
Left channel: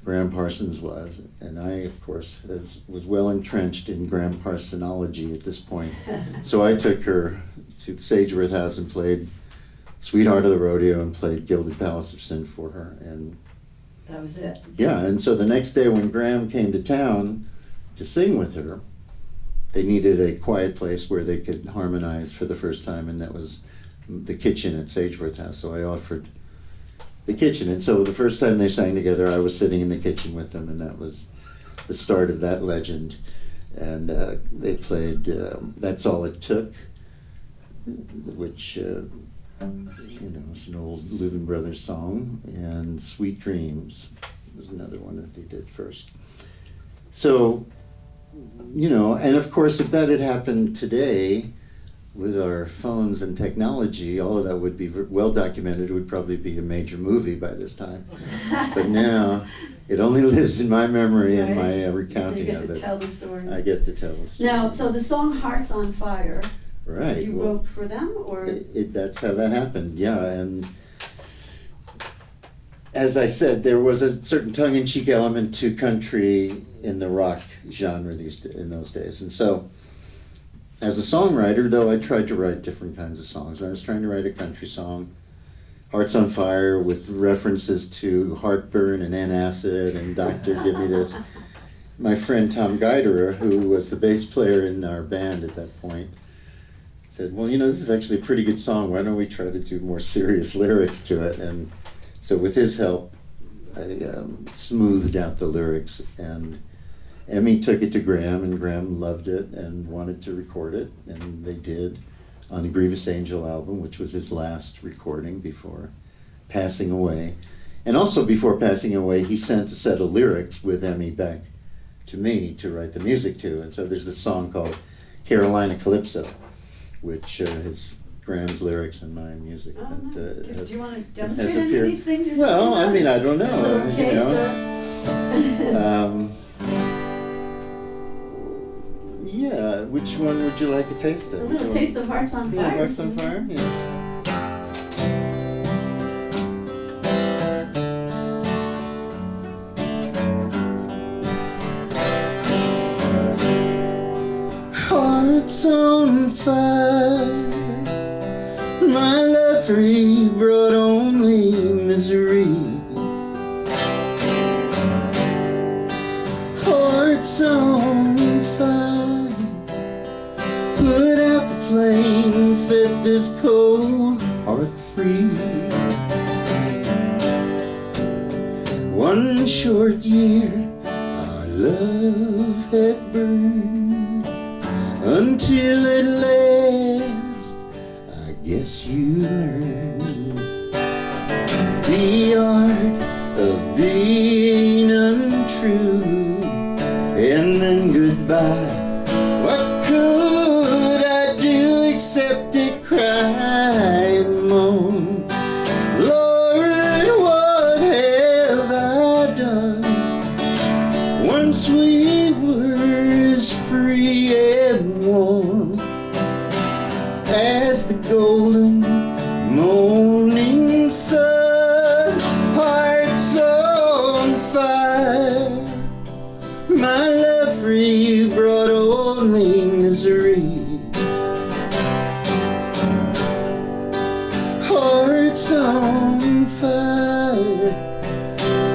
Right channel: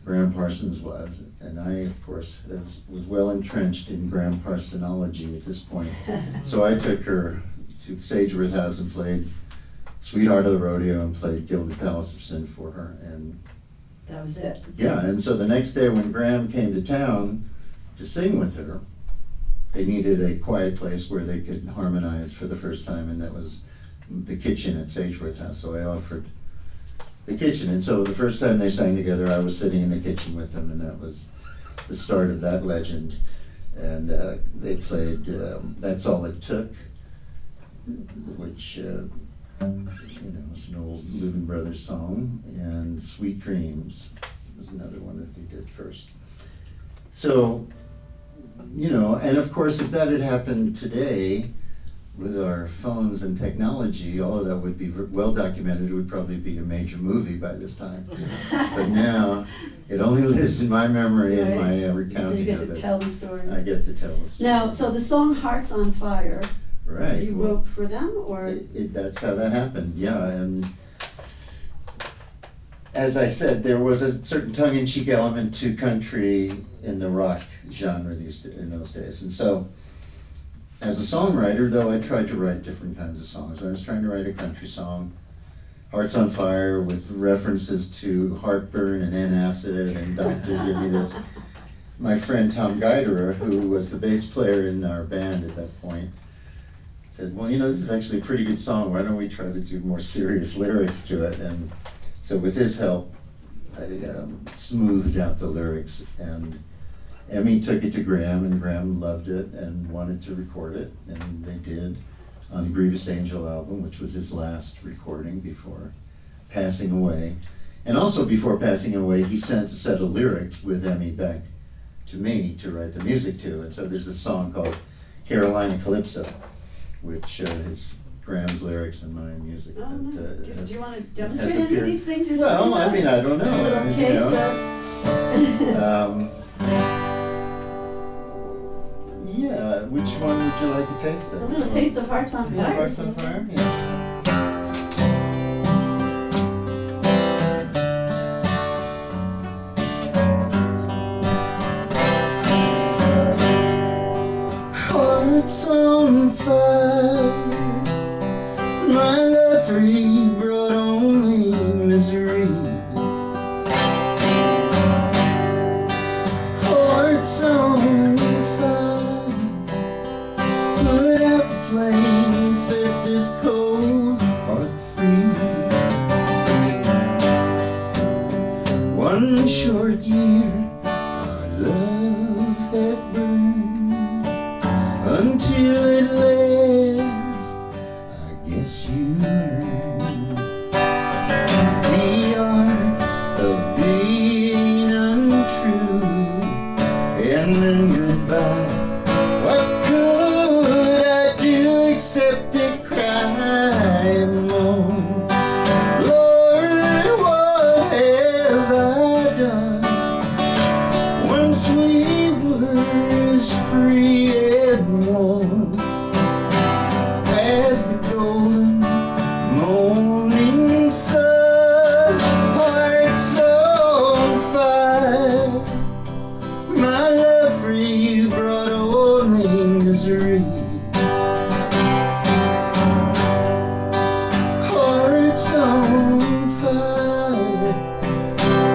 Graham Parsons was, and I, of course, was well entrenched in Graham Parsonology at this point. So I took her to the Sageworth House and played Sweetheart of the Rodeo and played Gilded Palace of Sin for her. And that was it. Yeah, and so the next day when Graham came to town to sing with her, they needed a quiet place where they could harmonize for the first time, and that was the kitchen at Sageworth House. So I offered the kitchen, and so the first time they sang together, I was sitting in the kitchen with them, and that was the start of that legend. And they played That's All It Took, which is an old Louvin Brothers song, and Sweet Dreams was another one that they did first. So, and of course, if that had happened today, with our phones and technology, all of that would be well documented. It would probably be a major movie by this time. But now, it only lives in my memory and my recounting of it. You get to tell the story. I get to tell the story. Now, so the song Hearts on Fire, right. You wrote for them, or? That's how that happened, yeah. And as I said, there was a certain tongue-in-cheek element to country in the rock genre in those days. And so, as a songwriter, though, I tried to write different kinds of songs. I was trying to write a country song, Hearts on Fire, with references to heartburn and antacid and Doctor Give Me This. My friend Tom Geiderer, who was the bass player in our band at that point, said, well, this is actually a pretty good song. Why don't we try to do more serious lyrics to it? And so with his help, I smoothed out the lyrics, and Emmy took it to Graham, and Graham loved it and wanted to record it, and they did on the Grievous Angel album, which was his last recording before passing away. And also before passing away, he sent a set of lyrics with Emmy back to me to write the music to. And so there's this song called Carolina Calypso, which is Graham's lyrics and my music. Oh, nice. Do you want to has demonstrate any of appeared. these things you're Well, talking about? I mean, I don't know. Just a little taste of... Yeah, which one would you like a taste of? A little taste of Hearts on Fire. Hearts on Fire? Yeah. on fire. My love for you brought only misery. Hearts on fire, put out the flame, set this cold heart free. One short year our love had burned, until at last I guess you learned the art of being untrue, and then goodbye. What could I do except to cry and moan? Lord, what have I done? Once we were as free and warm as the golden morning sun. Hearts on fire, my love for you brought only misery. Hearts on fire,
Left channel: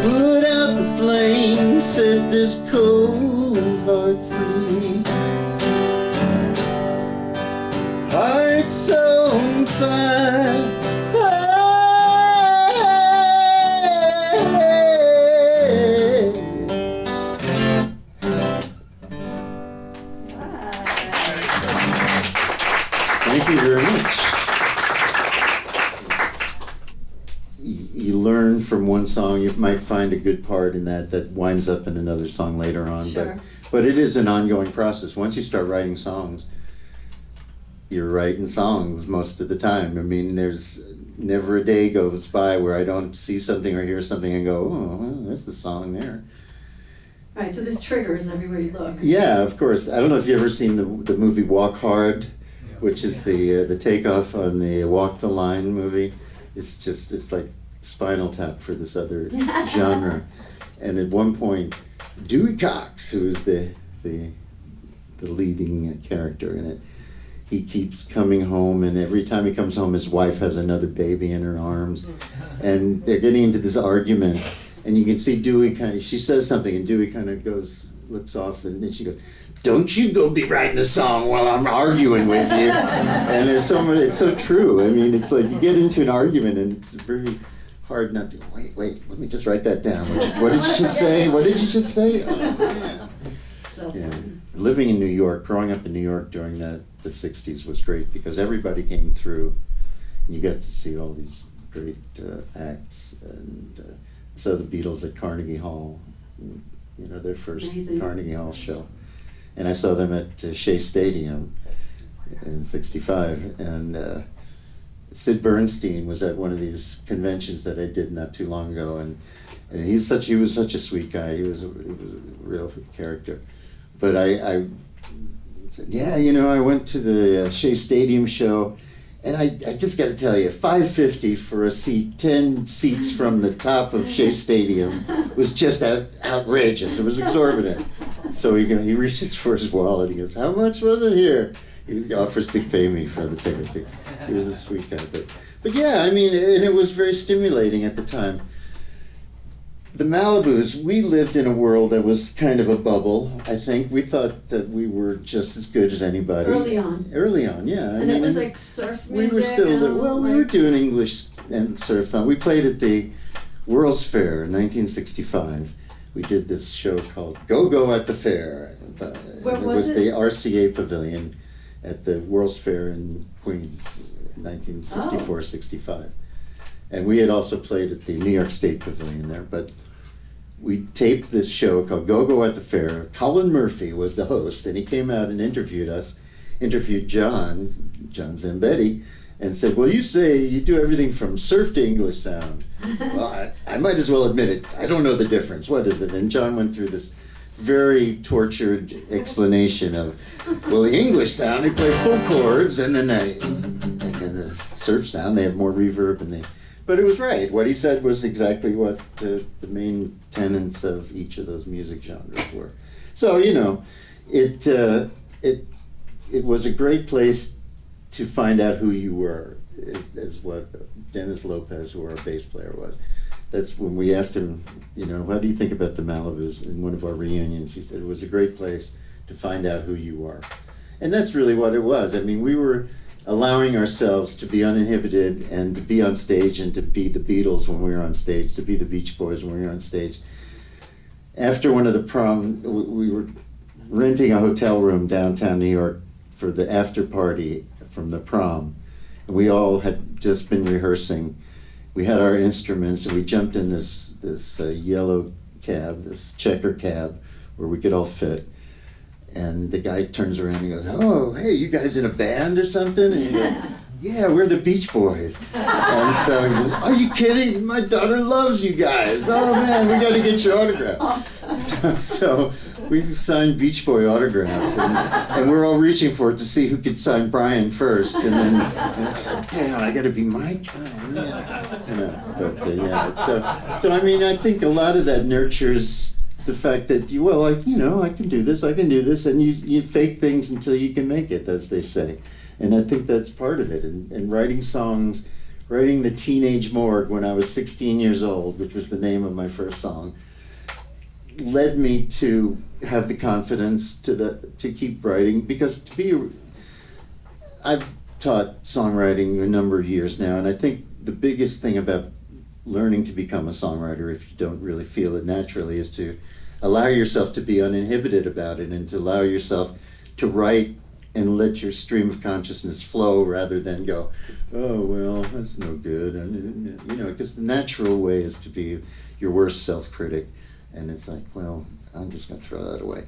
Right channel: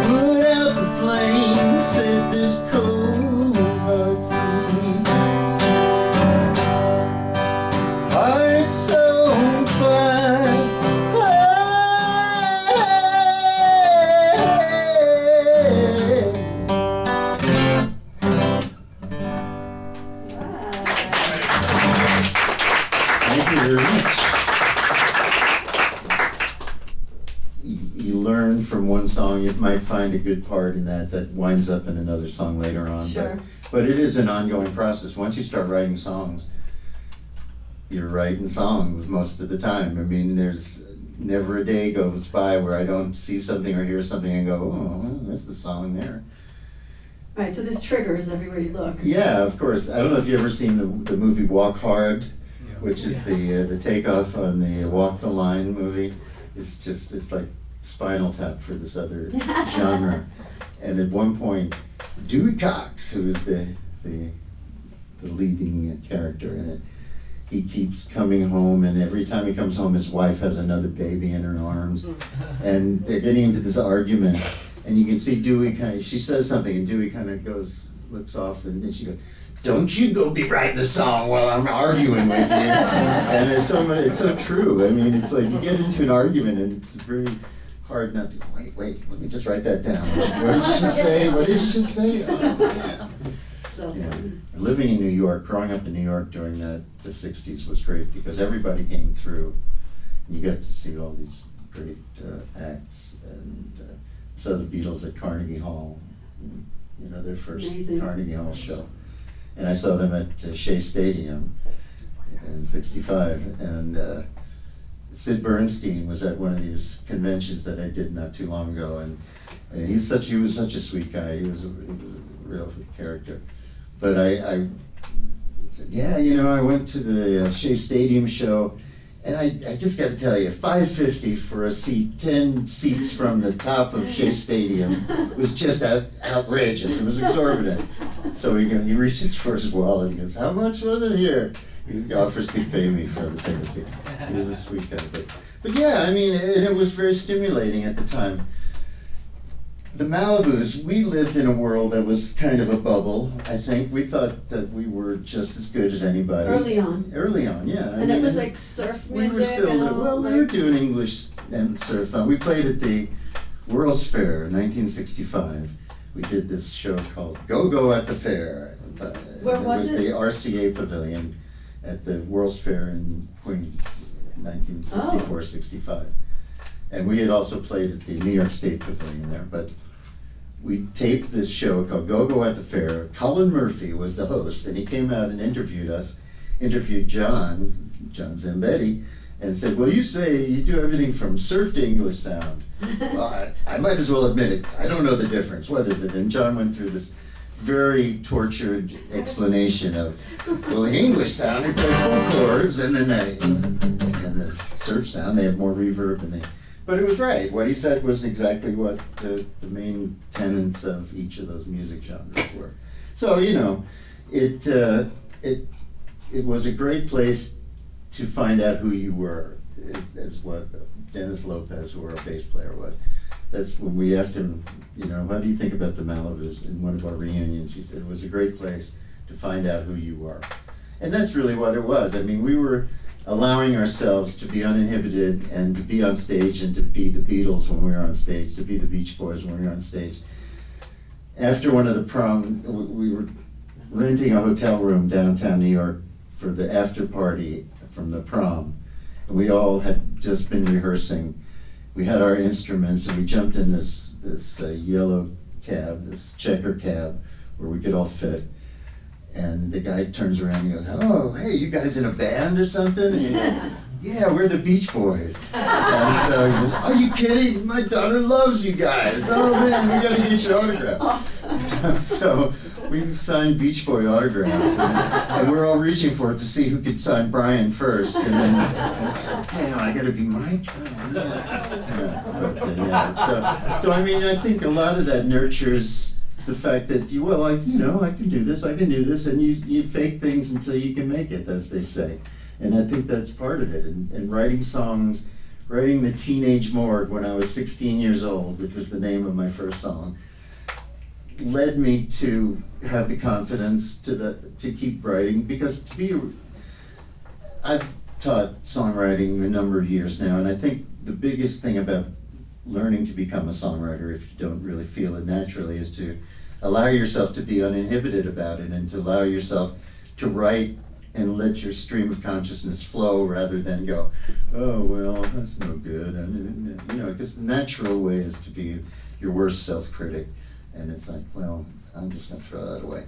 put out the flame, set this cold heart free. Hearts on fire. Thank you very much. You learn from one song, you might find a good part in that winds up in another song later on. Sure. But it is an ongoing process. Once you start writing songs, you're writing songs most of the time. I mean, there's never a day goes by where I don't see something or hear something and go, oh, well, there's the song there. Right, so there's triggers everywhere you look. Yeah, of course. I don't know if you've ever seen the movie Walk Hard, which is the takeoff on the Walk the Line movie. It's like Spinal Tap for this other genre. And at one point, Dewey Cox, who is the leading character in it, he keeps coming home, and every time he comes home, his wife has another baby in her arms, and they're getting into this argument, and you can see Dewey she says something, and Dewey kind of looks off, and then she goes, "Don't you go be writing a song while I'm arguing with you." And it's so true. I mean, it's like you get into an argument, and it's very hard not to, wait, let me just write that down. What did you just say? What did you just say? So fun. Living in New York, growing up in New York during the 60s was great because everybody came through. You got to see all these great acts, and saw the Beatles at Carnegie Hall, their first Amazing. Carnegie Hall show. And I saw them at Shea Stadium in '65, and Sid Bernstein was at one of these conventions that I did not too long ago, and he was such a sweet guy. He was a real character. But I said, yeah, I went to the Shea Stadium show, and I just got to tell you, $5.50 for a seat, 10 seats from the top of Shea Stadium was just outrageous. It was exorbitant. So he reaches for his wallet. He goes, "How much was it here?" He offers to pay me for the tickets. He was a sweet guy. But yeah, I mean, and it was very stimulating at the time. The Malibus, we lived in a world that was kind of a bubble, I think. We thought that we were just as good as anybody. Early on. Early on, yeah. And it was like surf we music. were still, and we were doing English and surf. We played at the World's Fair in 1965. We did this show called Go-Go at the Fair. Where was it? The RCA Pavilion at the World's Fair in Queens, 1964-65. And we had also played at the New York State Pavilion there, but we taped this show called Go-Go at the Fair. Colin Murphy was the host, and he came out and interviewed John Zambetti, and said, "Well, you say you do everything from surf to English sound." Well, I might as well admit it. I don't know the difference. What is it? And John went through this very tortured explanation of, well, the English sound, they play full chords, and then the surf sound, they have more reverb, but it was right. What he said was exactly what the main tenets of each of those music genres were. So, it was a great place to find out who you were, is what Dennis Lopez, who our bass player was. That's when we asked him, you know, how do you think about the Malibus in one of our reunions? He said it was a great place to find out who you are. And that's really what it was. I mean, we were allowing ourselves to be uninhibited and to be on stage and to be the Beatles when we were on stage, to be the Beach Boys when we were on stage. After one of the prom, we were renting a hotel room downtown New York for the after party from the prom. And we all had just been rehearsing. We had our instruments and we jumped in this yellow cab, this checker cab, where we could all fit. And the guy turns around and goes, "Oh, hey, you guys in a band or something?" And he goes, "Yeah, we're the Beach Boys." And so he says, "Are you kidding? My daughter loves you guys. Oh man, we gotta get your autograph." Awesome. So we signed Beach Boy autographs, and we're all reaching for it to see who could sign Brian first. And then, damn, I gotta be Mike. So I mean, I think a lot of that nurtures the fact that I can do this, and you fake things until you can make it, as they say. And I think that's part of it. And writing songs, writing The Teenage Morgue when I was 16 years old, which was the name of my first song, led me to have the confidence to keep writing, because I've taught songwriting a number of years now, and I think the biggest thing about learning to become a songwriter, if you don't really feel it naturally, is to allow yourself to be uninhibited about it and to allow yourself to write and let your stream of consciousness flow rather than go, "Oh, well, that's no good." And, because the natural way is to be your worst self-critic. And it's like, well, I'm just going to throw that away.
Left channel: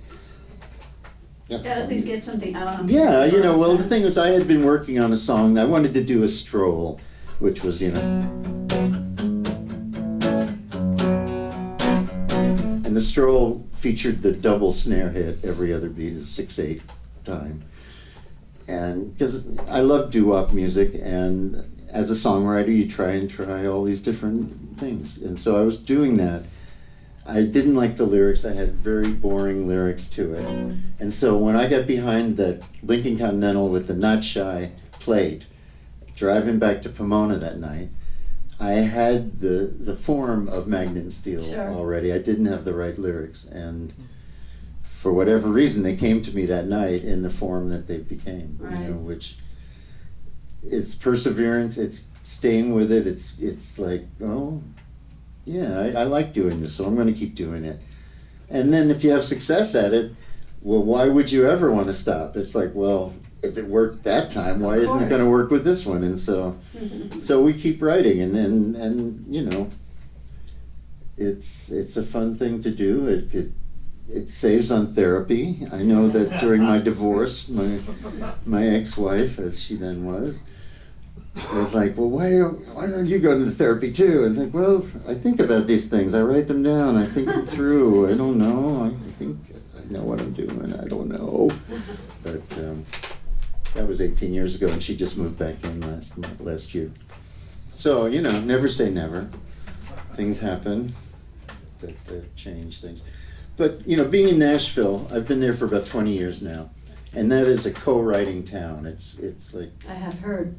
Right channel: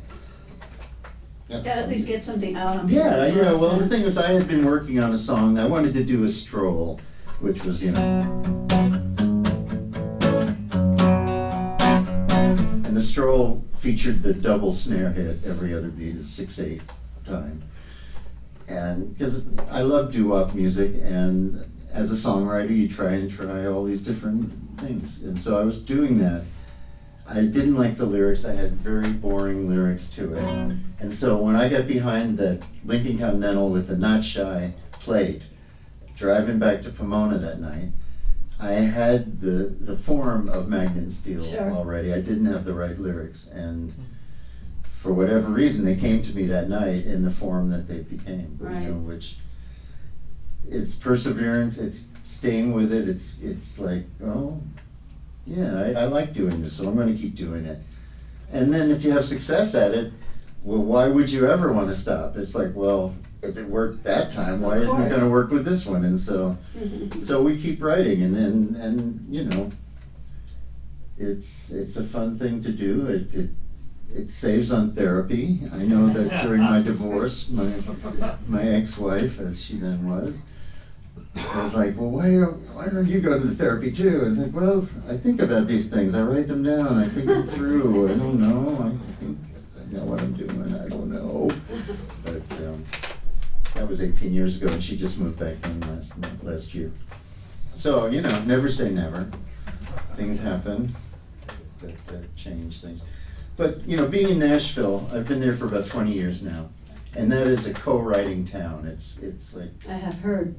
Yeah, at least get something out. Yeah, the thing was, I had been working on a song. I wanted to do a stroll, which was, and the stroll featured the double snare hit every other beat, is 6/8 time. And because I love doo-wop music, and as a songwriter, you try all these different things. And so I was doing that. I didn't like the lyrics. I had very boring lyrics to it. And so when I got behind the Lincoln Continental with the Not Shy plate, driving back to Pomona that night, I had the form of Magnet and Steel already. I didn't have the right lyrics. And for whatever reason, they came to me that night in the form that they became, which is perseverance. It's staying with it. It's like, oh, yeah, I like doing this, so I'm going to keep doing it. And then if you have success at it, well, why would you ever want to stop? It's like, well, if it worked that time, why isn't it going to work with this one? And so we keep writing, and it's a fun thing to do. It saves on therapy. I know that during my divorce, my ex-wife, as she then was like, "Well, why don't you go to the therapy too?" I was like, "Well, I think about these things. I write them down. I think them through. I don't know. I think I know what I'm doing. I don't know." But that was 18 years ago, and she just moved back in last year. So, never say never. Things happen that change things. But, being in Nashville, I've been there for about 20 years now. And that is a co-writing town. It's like, I have heard.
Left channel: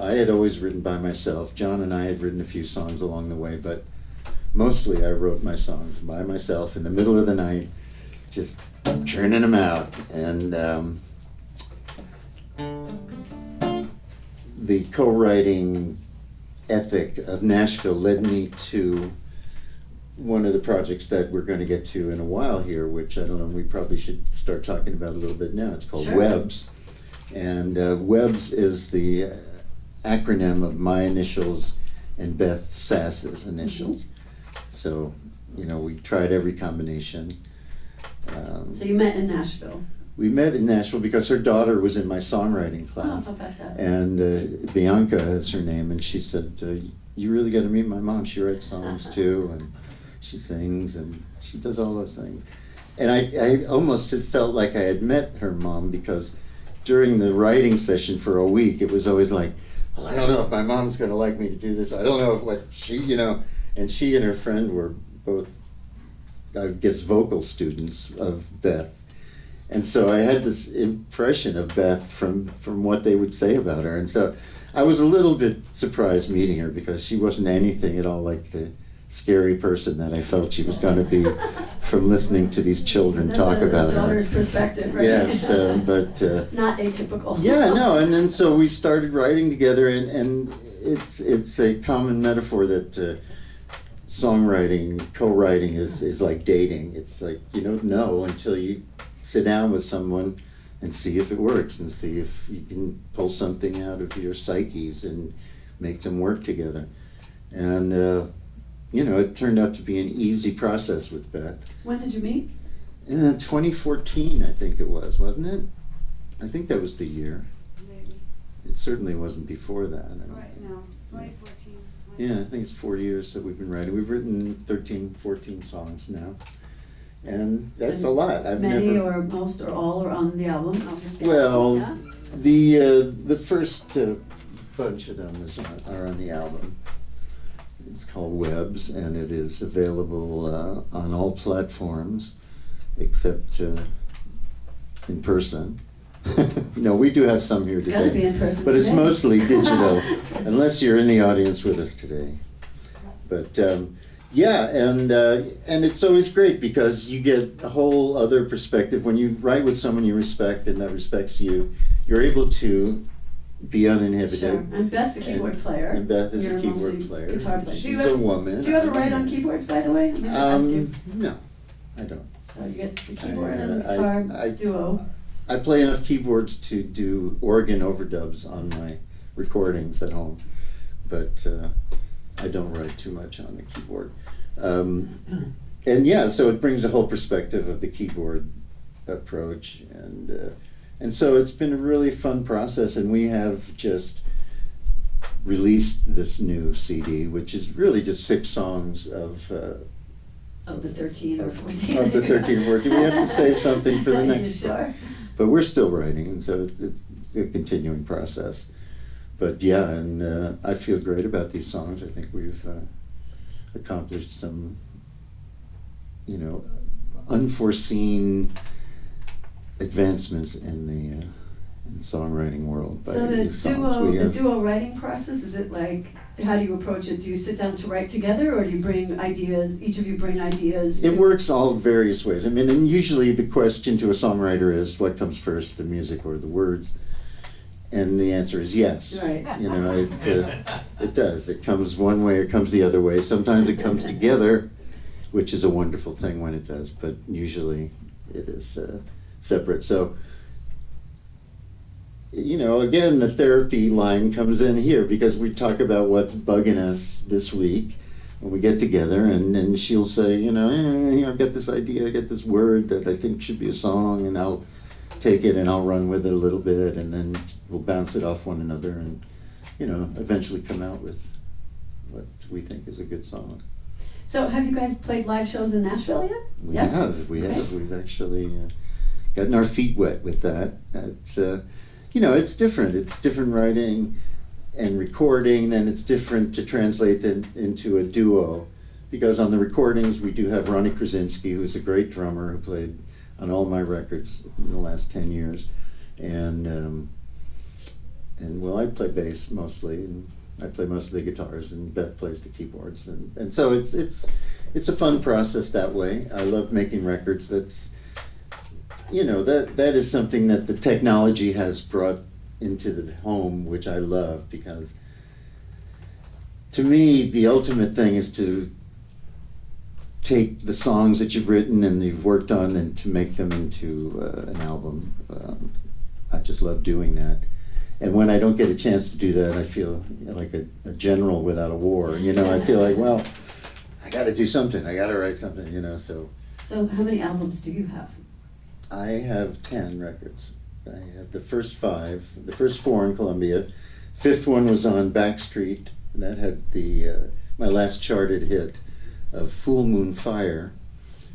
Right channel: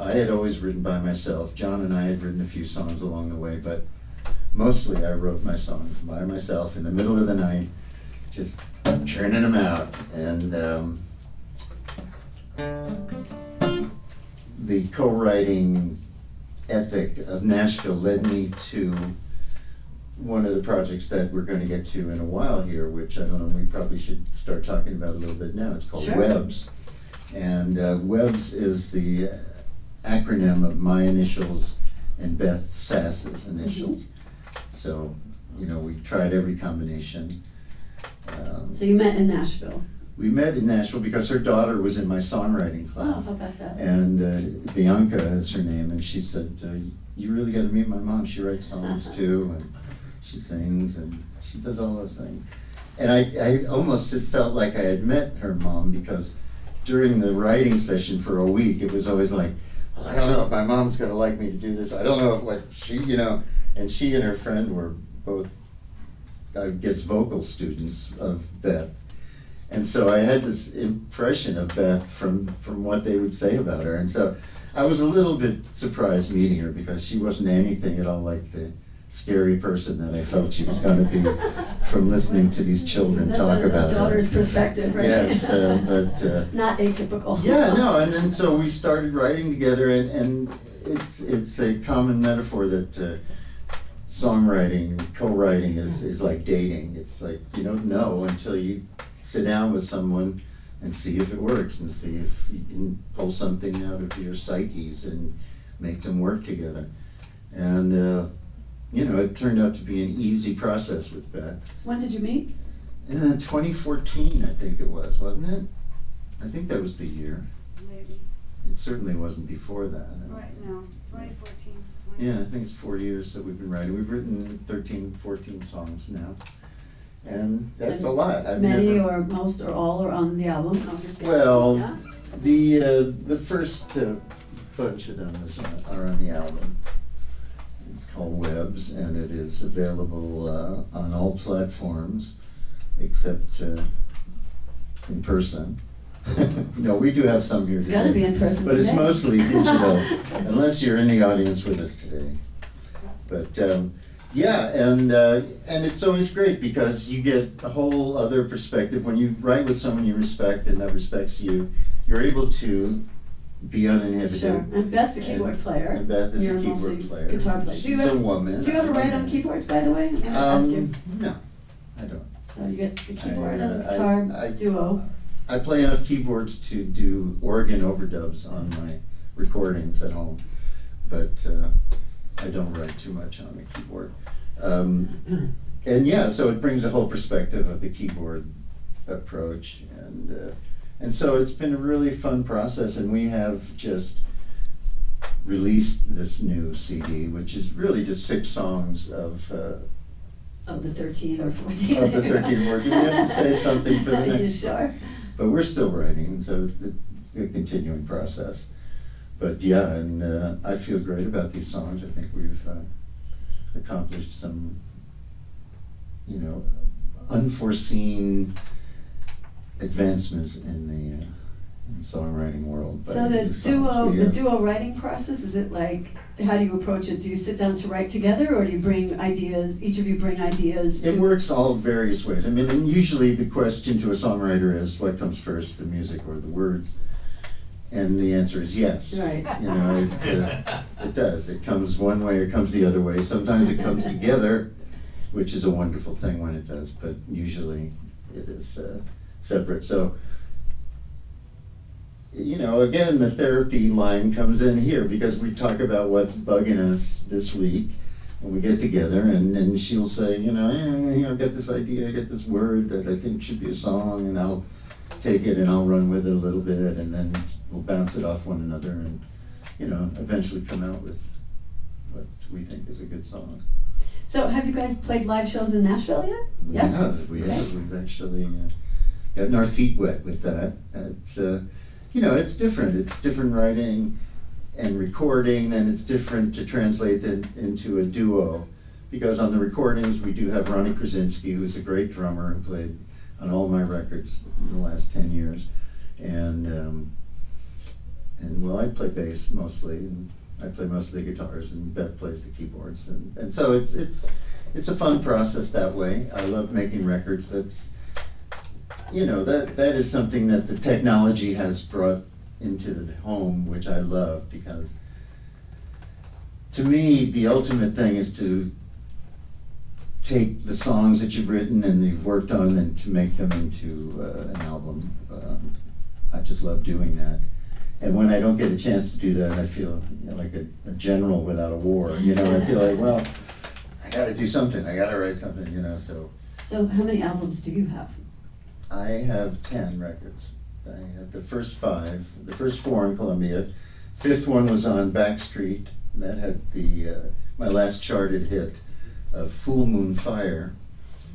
I had always written by myself. John and I had written a few songs along the way, but mostly I wrote my songs by myself in the middle of the night, just churning them out. And the co-writing ethic of Nashville led me to one of the projects that we're going to get to in a while here, which I don't know, we probably should start talking about a little bit now. It's called Webs. And Webs is the acronym of my initials and Beth Sass's initials. So, we tried every combination. So you met in Nashville? We met in Nashville because her daughter was in my songwriting class. Oh, how about that? And Bianca is her name, and she said, "You really got to meet my mom. She writes songs too, and she sings, and she does all those things." And I almost had felt like I had met her mom, because during the writing session for a week, it was always like, "Well, I don't know if my mom's going to like me to do this. I don't know if what she, And she and her friend were both, I guess, vocal students of Beth. And so I had this impression of Beth from what they would say about her. And so I was a little bit surprised meeting her because she wasn't anything at all like the scary person that I felt she was going to be from listening to these children talk about That's a daughter's perspective, right? Yes, but not atypical. yeah, no, and then so we started writing together, and it's a common metaphor that songwriting, co-writing is like dating. It's like you don't know until you sit down with someone and see if it works and see if you can pull something out of your psyches and make them work together. And it turned out to be an easy process with Beth. When did you meet? 2014, I think it was, wasn't it? I think that was the year. Maybe. It certainly wasn't before that. Right, no, 2014. Yeah, I think it's 4 years that we've been writing. We've written 13, 14 songs now. And that's a lot. Many or most or all are on the album. Well, yeah? the first bunch of them are on the album. It's called Webs, and it is available on all platforms except in person. No, we do have some here today. It's gotta be in person but it's today. mostly digital, unless you're in the audience with us today. But yeah, and it's always great because you get a whole other perspective when you write with someone you respect and that respects you. You're able to be uninhibited. Sure. And Beth's a keyboard player. And Beth is You're a keyboard mostly player. guitar player. She's a woman. Do you ever write on keyboards, by the way? I'm gonna ask you. No, I don't. So you get the keyboard and the I- guitar I- duo. I play enough keyboards to do organ overdubs on my recordings at home, but I don't write too much on the keyboard. And yeah, so it brings a whole perspective of the keyboard approach, and so it's been a really fun process, and we have just released this new CD, which is really just 6 songs of the 13 or 14. of the 13 or 14. We have to save something for the Are you next sure? But we're still writing, and so it's a continuing process. But yeah, and I feel great about these songs. I think we've accomplished some, unforeseen advancements in the songwriting world. by So the these songs. the duo writing process, is it like, how do you approach it? Do you sit down to write together, or do you bring ideas, each of you bring ideas? It works all various ways. I mean, and usually the question to a songwriter is, what comes first, the music or the words? And the answer is yes. Right. It does. It comes one way or it comes the other way. Sometimes it comes together, which is a wonderful thing when it does, but usually it is separate. So, again, the therapy line comes in here because we talk about what's bugging us this week when we get together, and then she'll say, I've got this idea, I got this word that I think should be a song, and I'll take it and I'll run with it a little bit, and then we'll bounce it off one another and, eventually come out with what we think is a good song. So have you guys played live shows in Nashville yet? We Yes? have. Okay. We've actually gotten our feet wet with that. It's it's different. It's different writing and recording. Then it's different to translate that into a duo, because on the recordings we do have Ronnie Krasinski, who's a great drummer who played on all my records in the last 10 years, and I play bass mostly, and I play most of the guitars, and Beth plays the keyboards, and so it's a fun process that way. I love making records. That's that is something that the technology has brought into the home, which I love, because to me the ultimate thing is to take the songs that you've written and you've worked on and to make them into an album. I just love doing that. And when I don't get a chance to do that, I feel like a general without a war. I feel like, well, I got to do something. I got to write something. So how many albums do you have? I have 10 records. I have the first 5, the first 4 in Columbia. 5th one was on Backstreet, and that had my last charted hit of Full Moon Fire,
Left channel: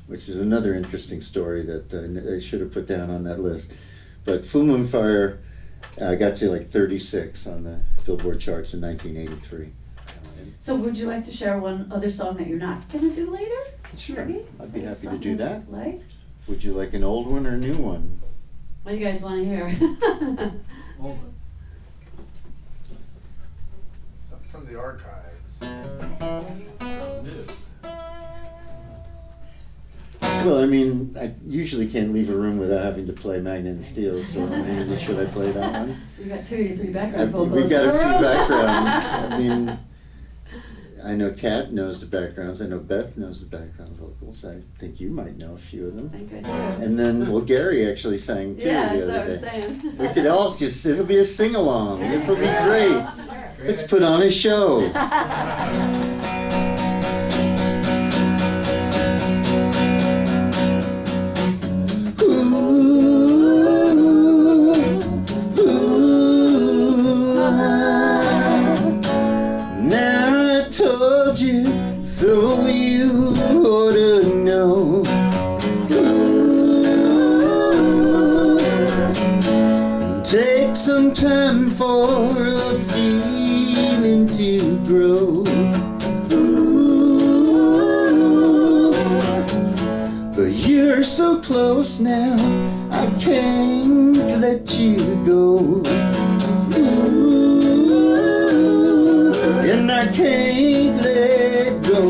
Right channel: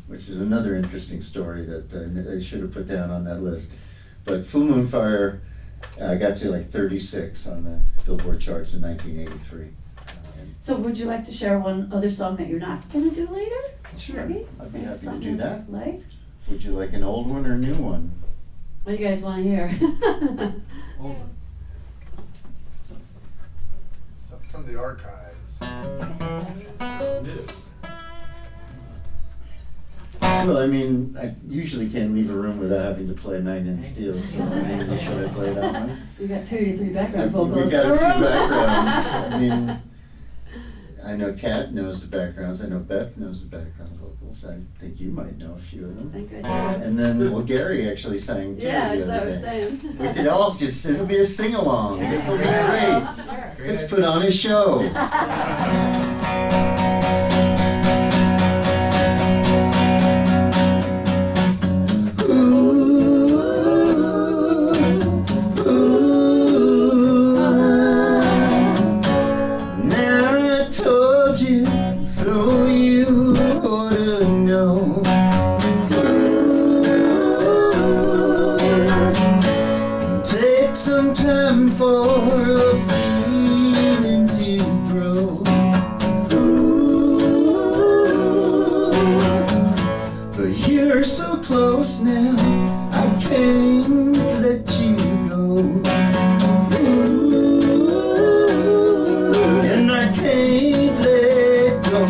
which is another interesting story that I should have put down on that list. But Full Moon Fire, I got to like 36 on the Billboard charts in 1983. So would you like to share one other song that you're not gonna do later? Sure, Maybe? I'd be happy to Something do that. Like? Would you like an old one or a new one? What do you guys want to hear? Something from the archives. New. Well, I mean, I usually can't leave a room without having to play Magnet and Steel, so maybe should I play that one? We got 2 or 3 background We've vocals. got a few backgrounds. I mean, I know Kat knows the backgrounds. I know Beth knows the background vocals. I think you might know a few of I them. think I do. And then, well, Gary actually sang too Yeah, the that's what I other was day. saying. We could all just, it'll be a sing-along. This will be great. Let's put on a show. So you ought to know. Take some time for a feeling to grow. But you're so close now, I can't let you go. And I can't let go.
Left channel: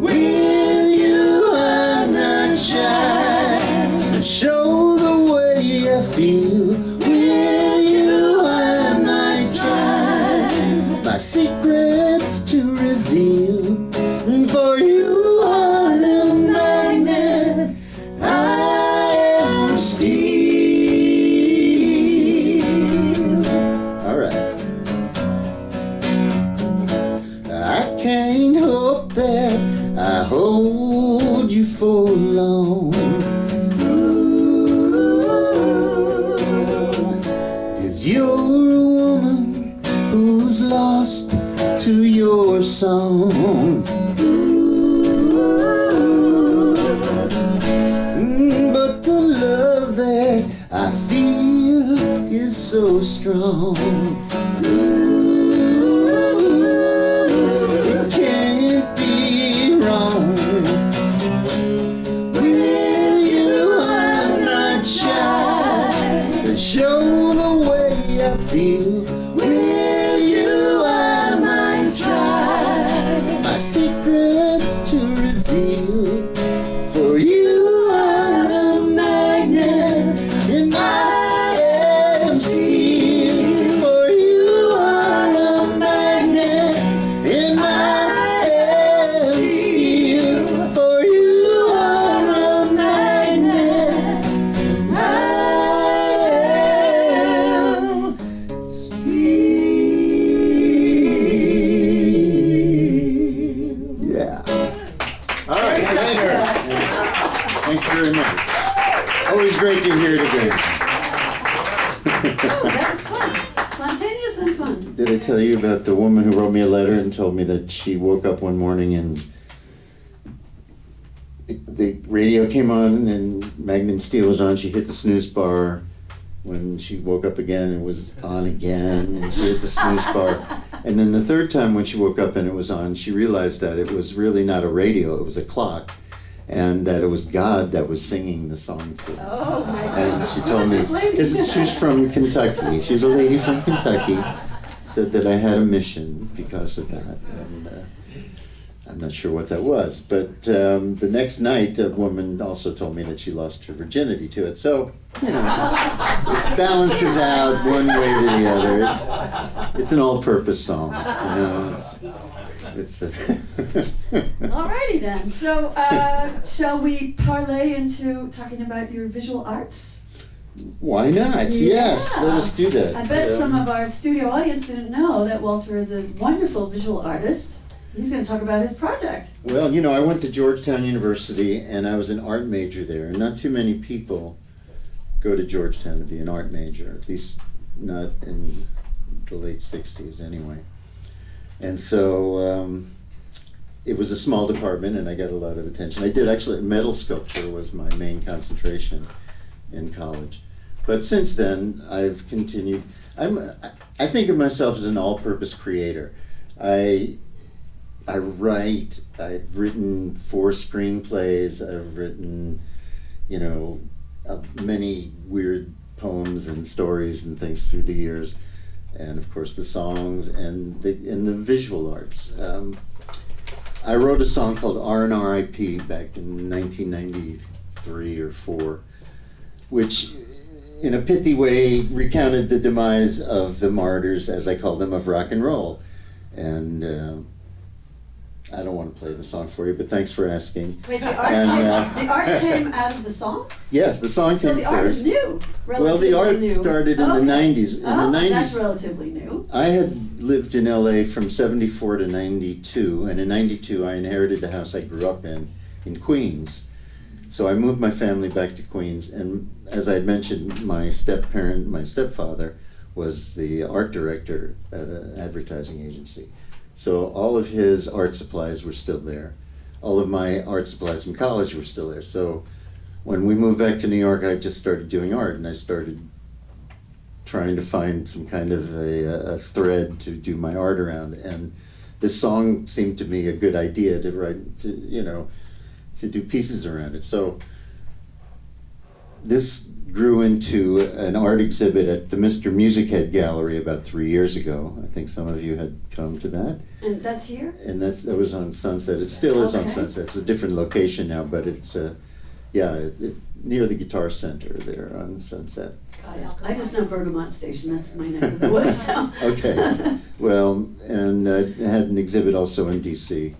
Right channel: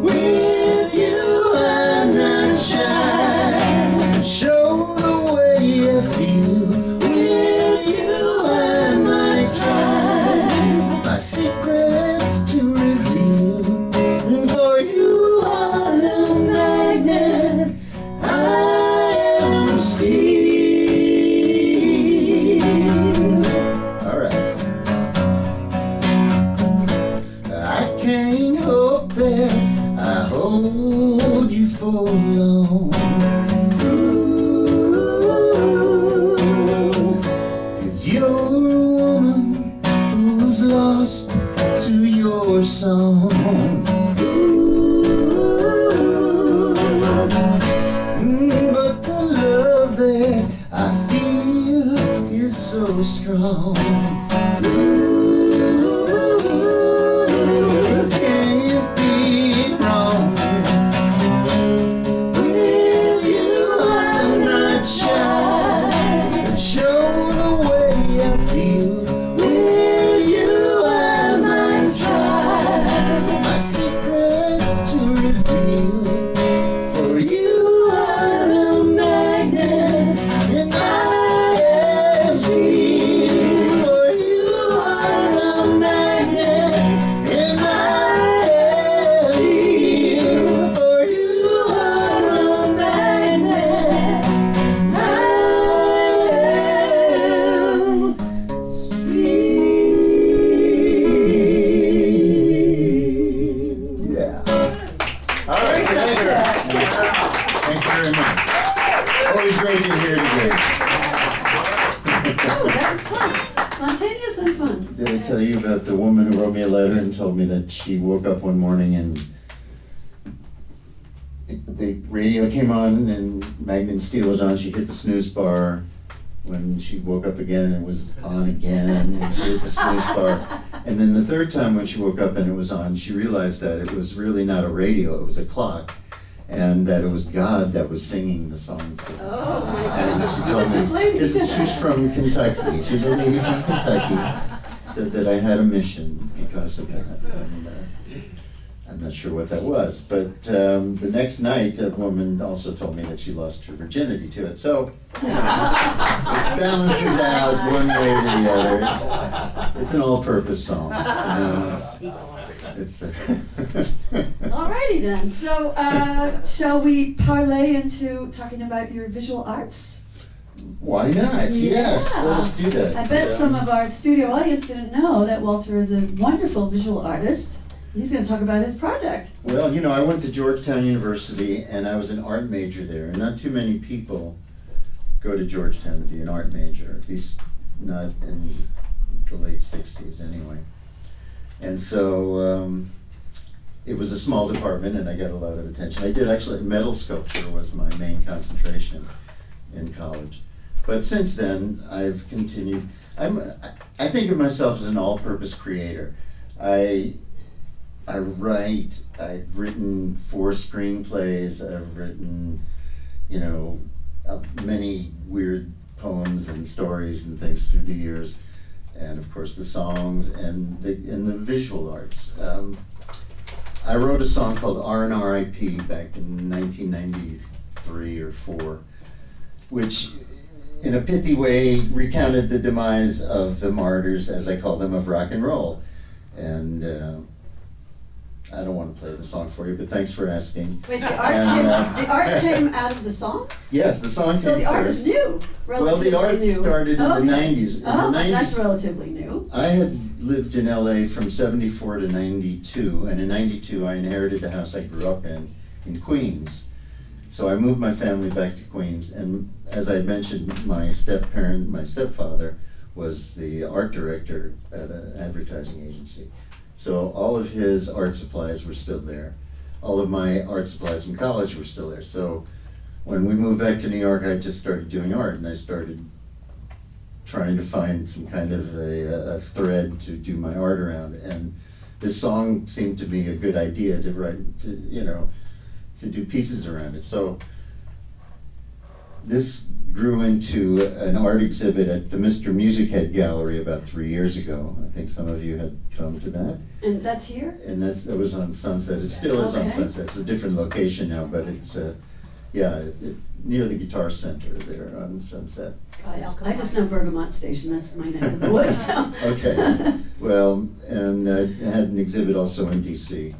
With you I'm not shy. Show the way I feel. With you I might try my secrets to reveal. For you are the magnet, I am steel. All right. I can't hope that I hold you for long. 'Cause you're a woman who's lost to your song. But the love that I feel is so strong. It can't be wrong. With you I'm not shy. Show the way I feel. With you I might try my secrets to reveal. For you are a magnet and I am steel. For you are a magnet and I am steel. For you are a magnet, I am steel. Yeah. All right, thank you. Thanks very much. Always great to hear it again. Oh, that was fun. Spontaneous and fun. Did I tell you about the woman who wrote me a letter and told me that she woke up one morning and the radio came on and Magnet and Steel was on. She hit the snooze bar. When she woke up again, it was on again, and she hit the snooze bar. And then the third time when she woke up and it was on, she realized that it was really not a radio, it was a clock, and that it was God that was singing the song to her. Oh my And gosh. she Who told is me, this lady? she's from Kentucky. She's a lady from Kentucky. Said that I had a mission because of that. And, I'm not sure what that was, but the next night a woman also told me that she lost her virginity to it. So, you know, it balances out one way or the other. It's an all-purpose song. You know? It's Alrighty then. So, shall we parlay into talking about your visual arts? Why not? Yes, let us do that. I bet some of our studio audience didn't know that Walter is a wonderful visual artist. He's going to talk about his project. Well, you know, I went to Georgetown University and I was an art major there. And not too many people go to Georgetown to be an art major, at least not in the late 60s anyway. And so it was a small department and I got a lot of attention. I did actually, metal sculpture was my main concentration in college. But since then, I've continued. I think of myself as an all-purpose creator. I write, I've written 4 screenplays, I've written, you know, many weird poems and stories and things through the years, and of course the songs and the visual arts. I wrote a song called R&R.I.P. back in 1993 or 4, which in a pithy way recounted the demise of the martyrs, as I call them, of rock and roll. And I don't want to play the song for you, but thanks for asking. Wait, the And, art came out of the song? Yes, the song So came the art is first. new, Well, relatively the art new. started in the 90s. In Oh, the 90s, that's relatively new. I had lived in LA from 74 to 92, and in 92 I inherited the house I grew up in Queens. So I moved my family back to Queens, and as I had mentioned, my stepfather, was the art director at an advertising agency. So all of his art supplies were still there. All of my art supplies from college were still there. So when we moved back to New York, I just started doing art, and I started trying to find some kind of a thread to do my art around. And this song seemed to me a good idea to write, to do pieces around it. So this grew into an art exhibit at the Mr. Music Head Gallery about 3 years ago. I think some of you had come to that. And that's here? And that was on Sunset. It still is on Okay. Sunset. It's a different location now, but it's near the Guitar Center there on Sunset. I just know Bergamot Station, that's my neck of the woods, so. Okay, well, and I had an exhibit also in DC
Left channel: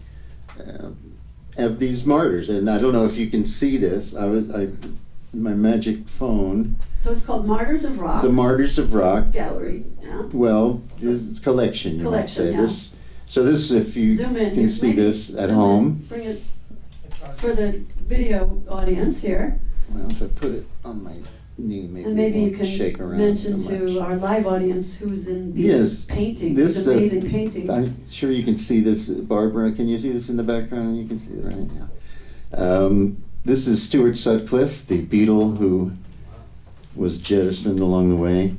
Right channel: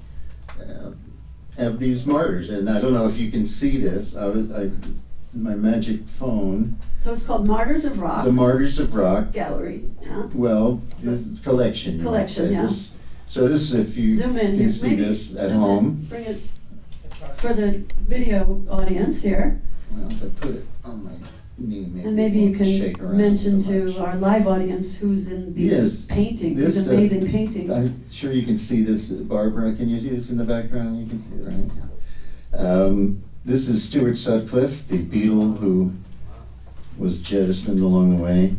of these martyrs, and I don't know if you can see this. My magic phone, So it's called Martyrs of Rock the Martyrs of Rock. Gallery, yeah. Well, the collection. You might say. Collection, yeah. So this, if you Zoom in. can here. see Maybe this at zoom in. home. Bring it for the video audience here. Well, if I put it on my knee, maybe, And maybe it you won't shake can around mention so much. to our live audience who's in these Yes, paintings, this, these amazing paintings. I'm sure you can see this, Barbara. Can you see this in the background? You can see it, right? Yeah. This is Stuart Sutcliffe, the Beatle who was jettisoned along the way.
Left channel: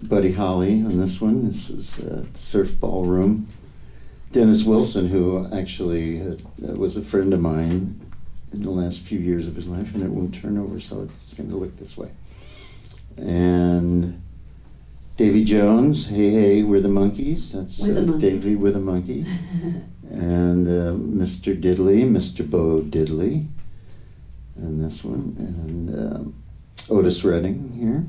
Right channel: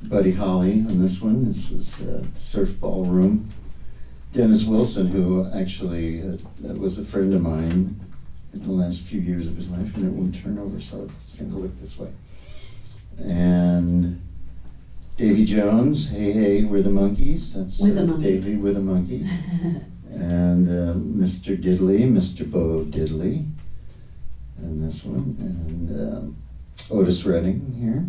Buddy Holly on this one. This was Surf Ballroom. Dennis Wilson, who actually was a friend of mine in the last few years of his life, and it won't turn over, so it's going to look this way. And Davy Jones, Hey Hey, We're the Monkeys. That's With a monkey. Davy with a monkey. And Mr. Diddley, Mr. Bo Diddley. And this one. And Otis Redding here.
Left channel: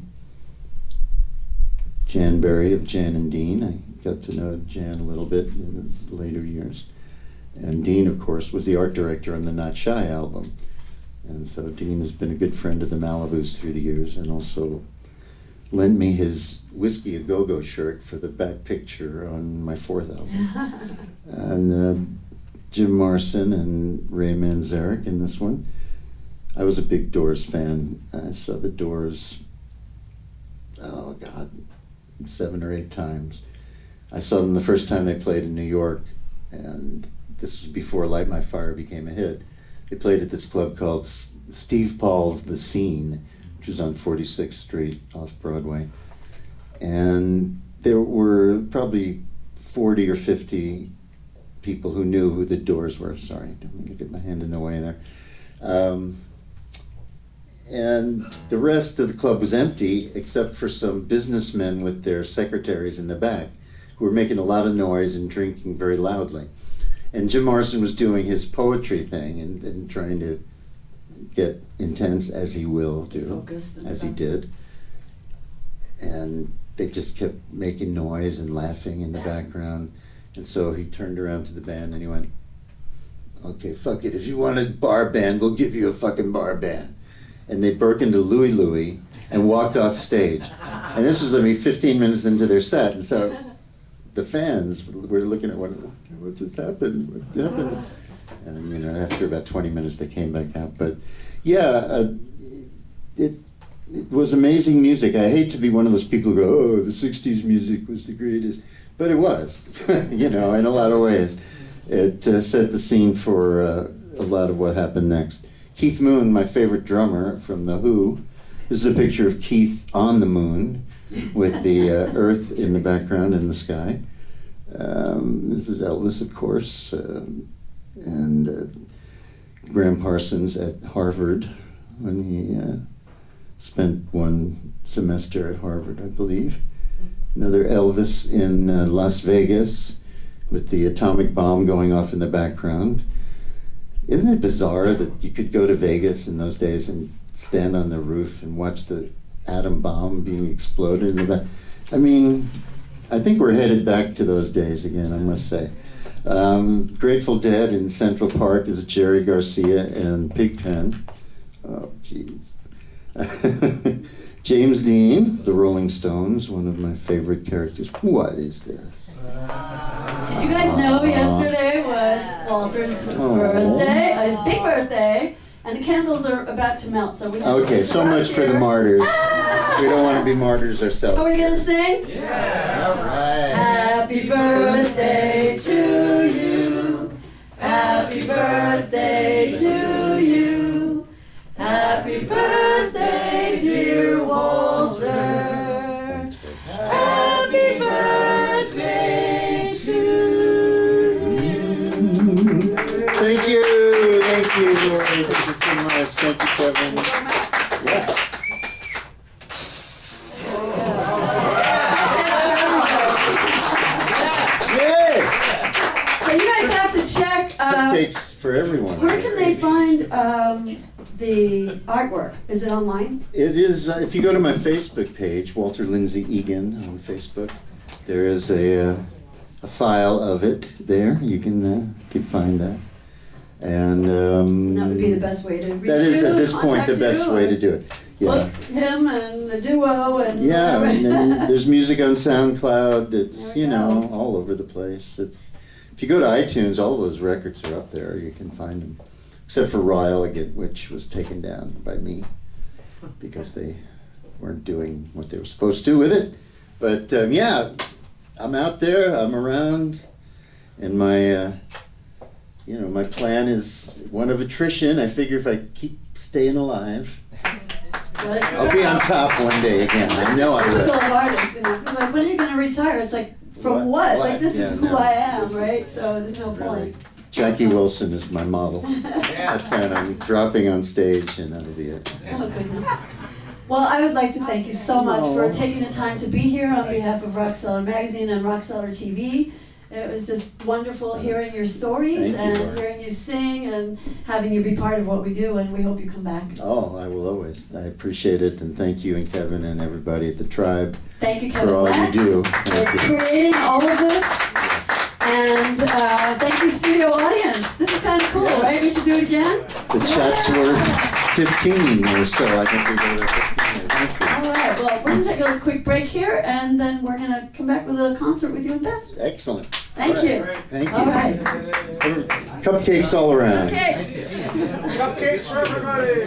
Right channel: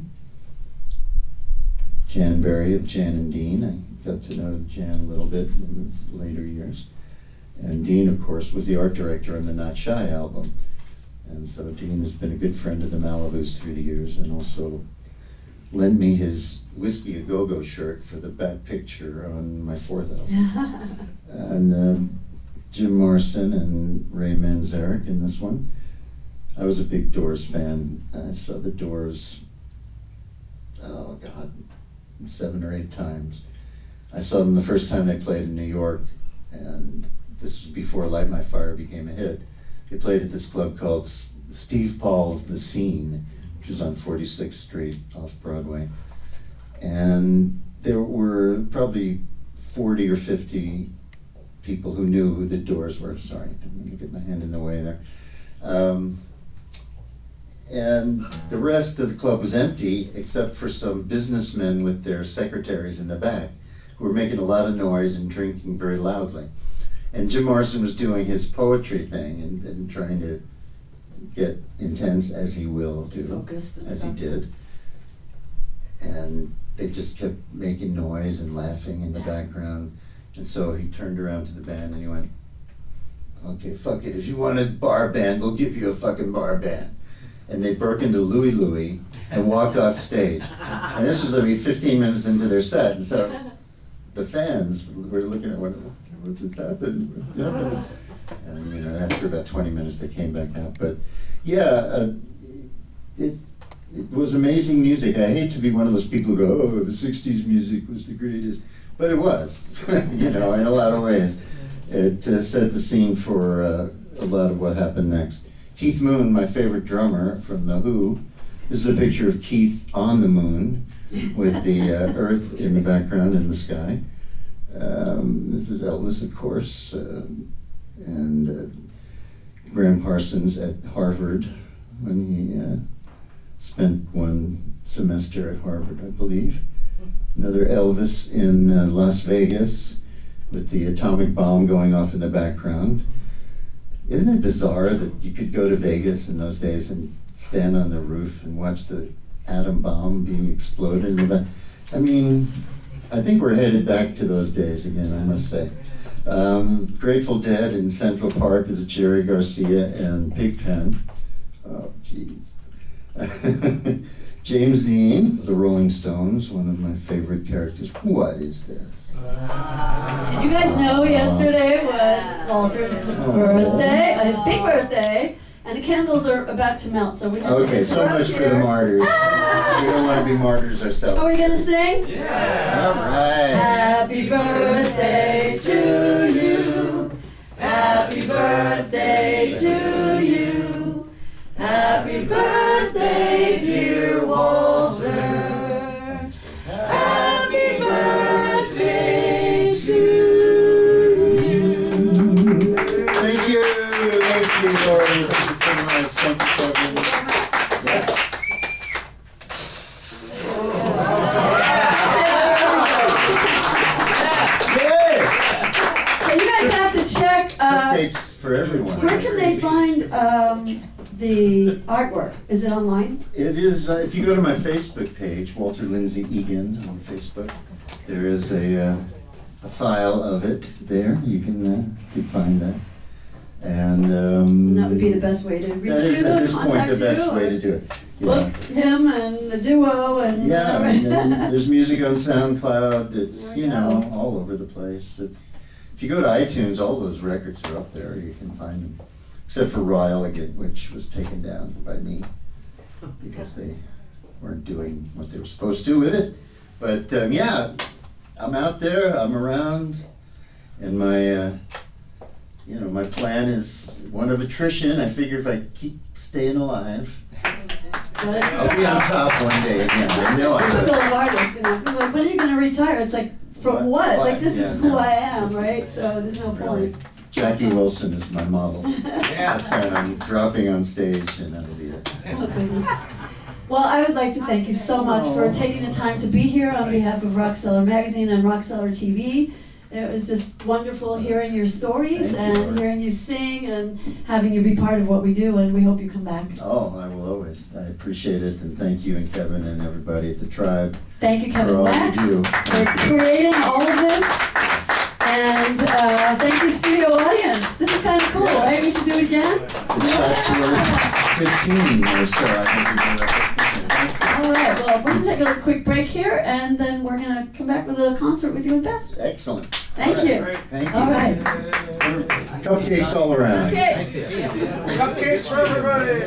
Jan Berry of Jan and Dean. I got to know Jan a little bit in the later years. And Dean, of course, was the art director on the Not Shy album. And so Dean has been a good friend of the Malibus through the years, and also lent me his Whiskey A Go-Go shirt for the back picture on my 4th album. And Jim Morrison and Ray Manzarek in this one. I was a big Doors fan. I saw the Doors, 7 or 8 times. I saw them the first time they played in New York, and this was before Light My Fire became a hit. They played at this club called Steve Paul's The Scene, which was on 46th Street off Broadway. And there were probably 40 or 50 people who knew who the Doors were. Sorry, let me get my hand in the way there. And the rest of the club was empty, except for some businessmen with their secretaries in the back, who were making a lot of noise and drinking very loudly. And Jim Morrison was doing his poetry thing and trying to get intense, as he will do, Focused and as stuff. he did. And they just kept making noise and laughing in the background. And so he turned around to the band and he went, "Okay, fuck it. If you want a bar band, we'll give you a fucking bar band." And they broke into Louie Louie and walked off stage. And this was, 15 minutes into their set. And so the fans were looking at what just happened? What happened? And after about 20 minutes, they came back out. But yeah, it was amazing music. I hate to be one of those people who go, "Oh, the 60s music was the greatest." But it was, in a lot of ways. It set the scene for a lot of what happened next. Keith Moon, my favorite drummer from The Who. This is a picture of Keith on the moon with the earth in the background in the sky. This is Elvis, of course, and Graham Parsons at Harvard when he spent one semester at Harvard, I believe. Another Elvis in Las Vegas with the atomic bomb going off in the background. Isn't it bizarre that you could go to Vegas in those days and stand on the roof and watch the atom bomb being exploded? I mean, I think we're headed back to those days again, I must say. Grateful Dead in Central Park is Jerry Garcia and Pigpen. Oh, jeez. James Dean, The Rolling Stones, one of my favorite characters. What is this? Did you guys know yesterday was Walter's birthday, a big birthday, and the candles are about to melt, so we have to Okay, so much for the martyrs. We don't want to be martyrs ourselves. Are we gonna sing? Yeah. All right. Happy birthday to you. Happy birthday to you. Happy birthday, dear Walter. Happy birthday to you. Thank you, Lauri. Thank you so much. Thank you, Kevin. Yeah. So you guys have to check. Cupcakes for everyone. Where can they find the artwork? Is it online? It is, if you go to my Facebook page, Walter Lindsay Egan on Facebook, there is a file of it there. You can find that. And That would be the best way to reach you. that is at this point contact the best you, way to do it. Book him and the duo and Yeah, whatever. and then there's music on SoundCloud that's, There you we know, go. all over the place. It's, if you go to iTunes, all those records are up there. You can find them. Except for Raw Elegant, which was taken down by me because they weren't doing what they were supposed to with it. But yeah, I'm out there, I'm around, and my my plan is one of attrition. I figure if I keep staying alive, I'll be on top one day again. I know I Typical will. of artists, you know. Like, when are you going to retire? It's like, from what? Like, this is Yeah, who no, I am, this is right? So there's no point. Jackie Wilson is my model. I plan on dropping on stage, and that'll be it. Oh, goodness. Well, I would like to thank you so much for taking the time to be here on behalf of Rock Cellar Magazine and Rock Cellar TV. It was just wonderful hearing your stories Thank you, and Lauri. hearing you sing and having you be part of what we do, and we hope you come back. Oh, I will always. I appreciate it, and thank you and Kevin and everybody at the Tribe. Thank you, For Kevin all you Max, do. for Thank you. creating all of this. And thank you, studio audience. This is kind of cool, right? We should do it again? The Chatsworth 15 or so. I think we did it 15. Thank you. All right, well, we're going to take a quick break here, and then we're going to come back with a concert with you and Beth. Excellent. Thank All you. right. Thank you. All right. Cupcakes all around. Okay. Cupcakes for everybody.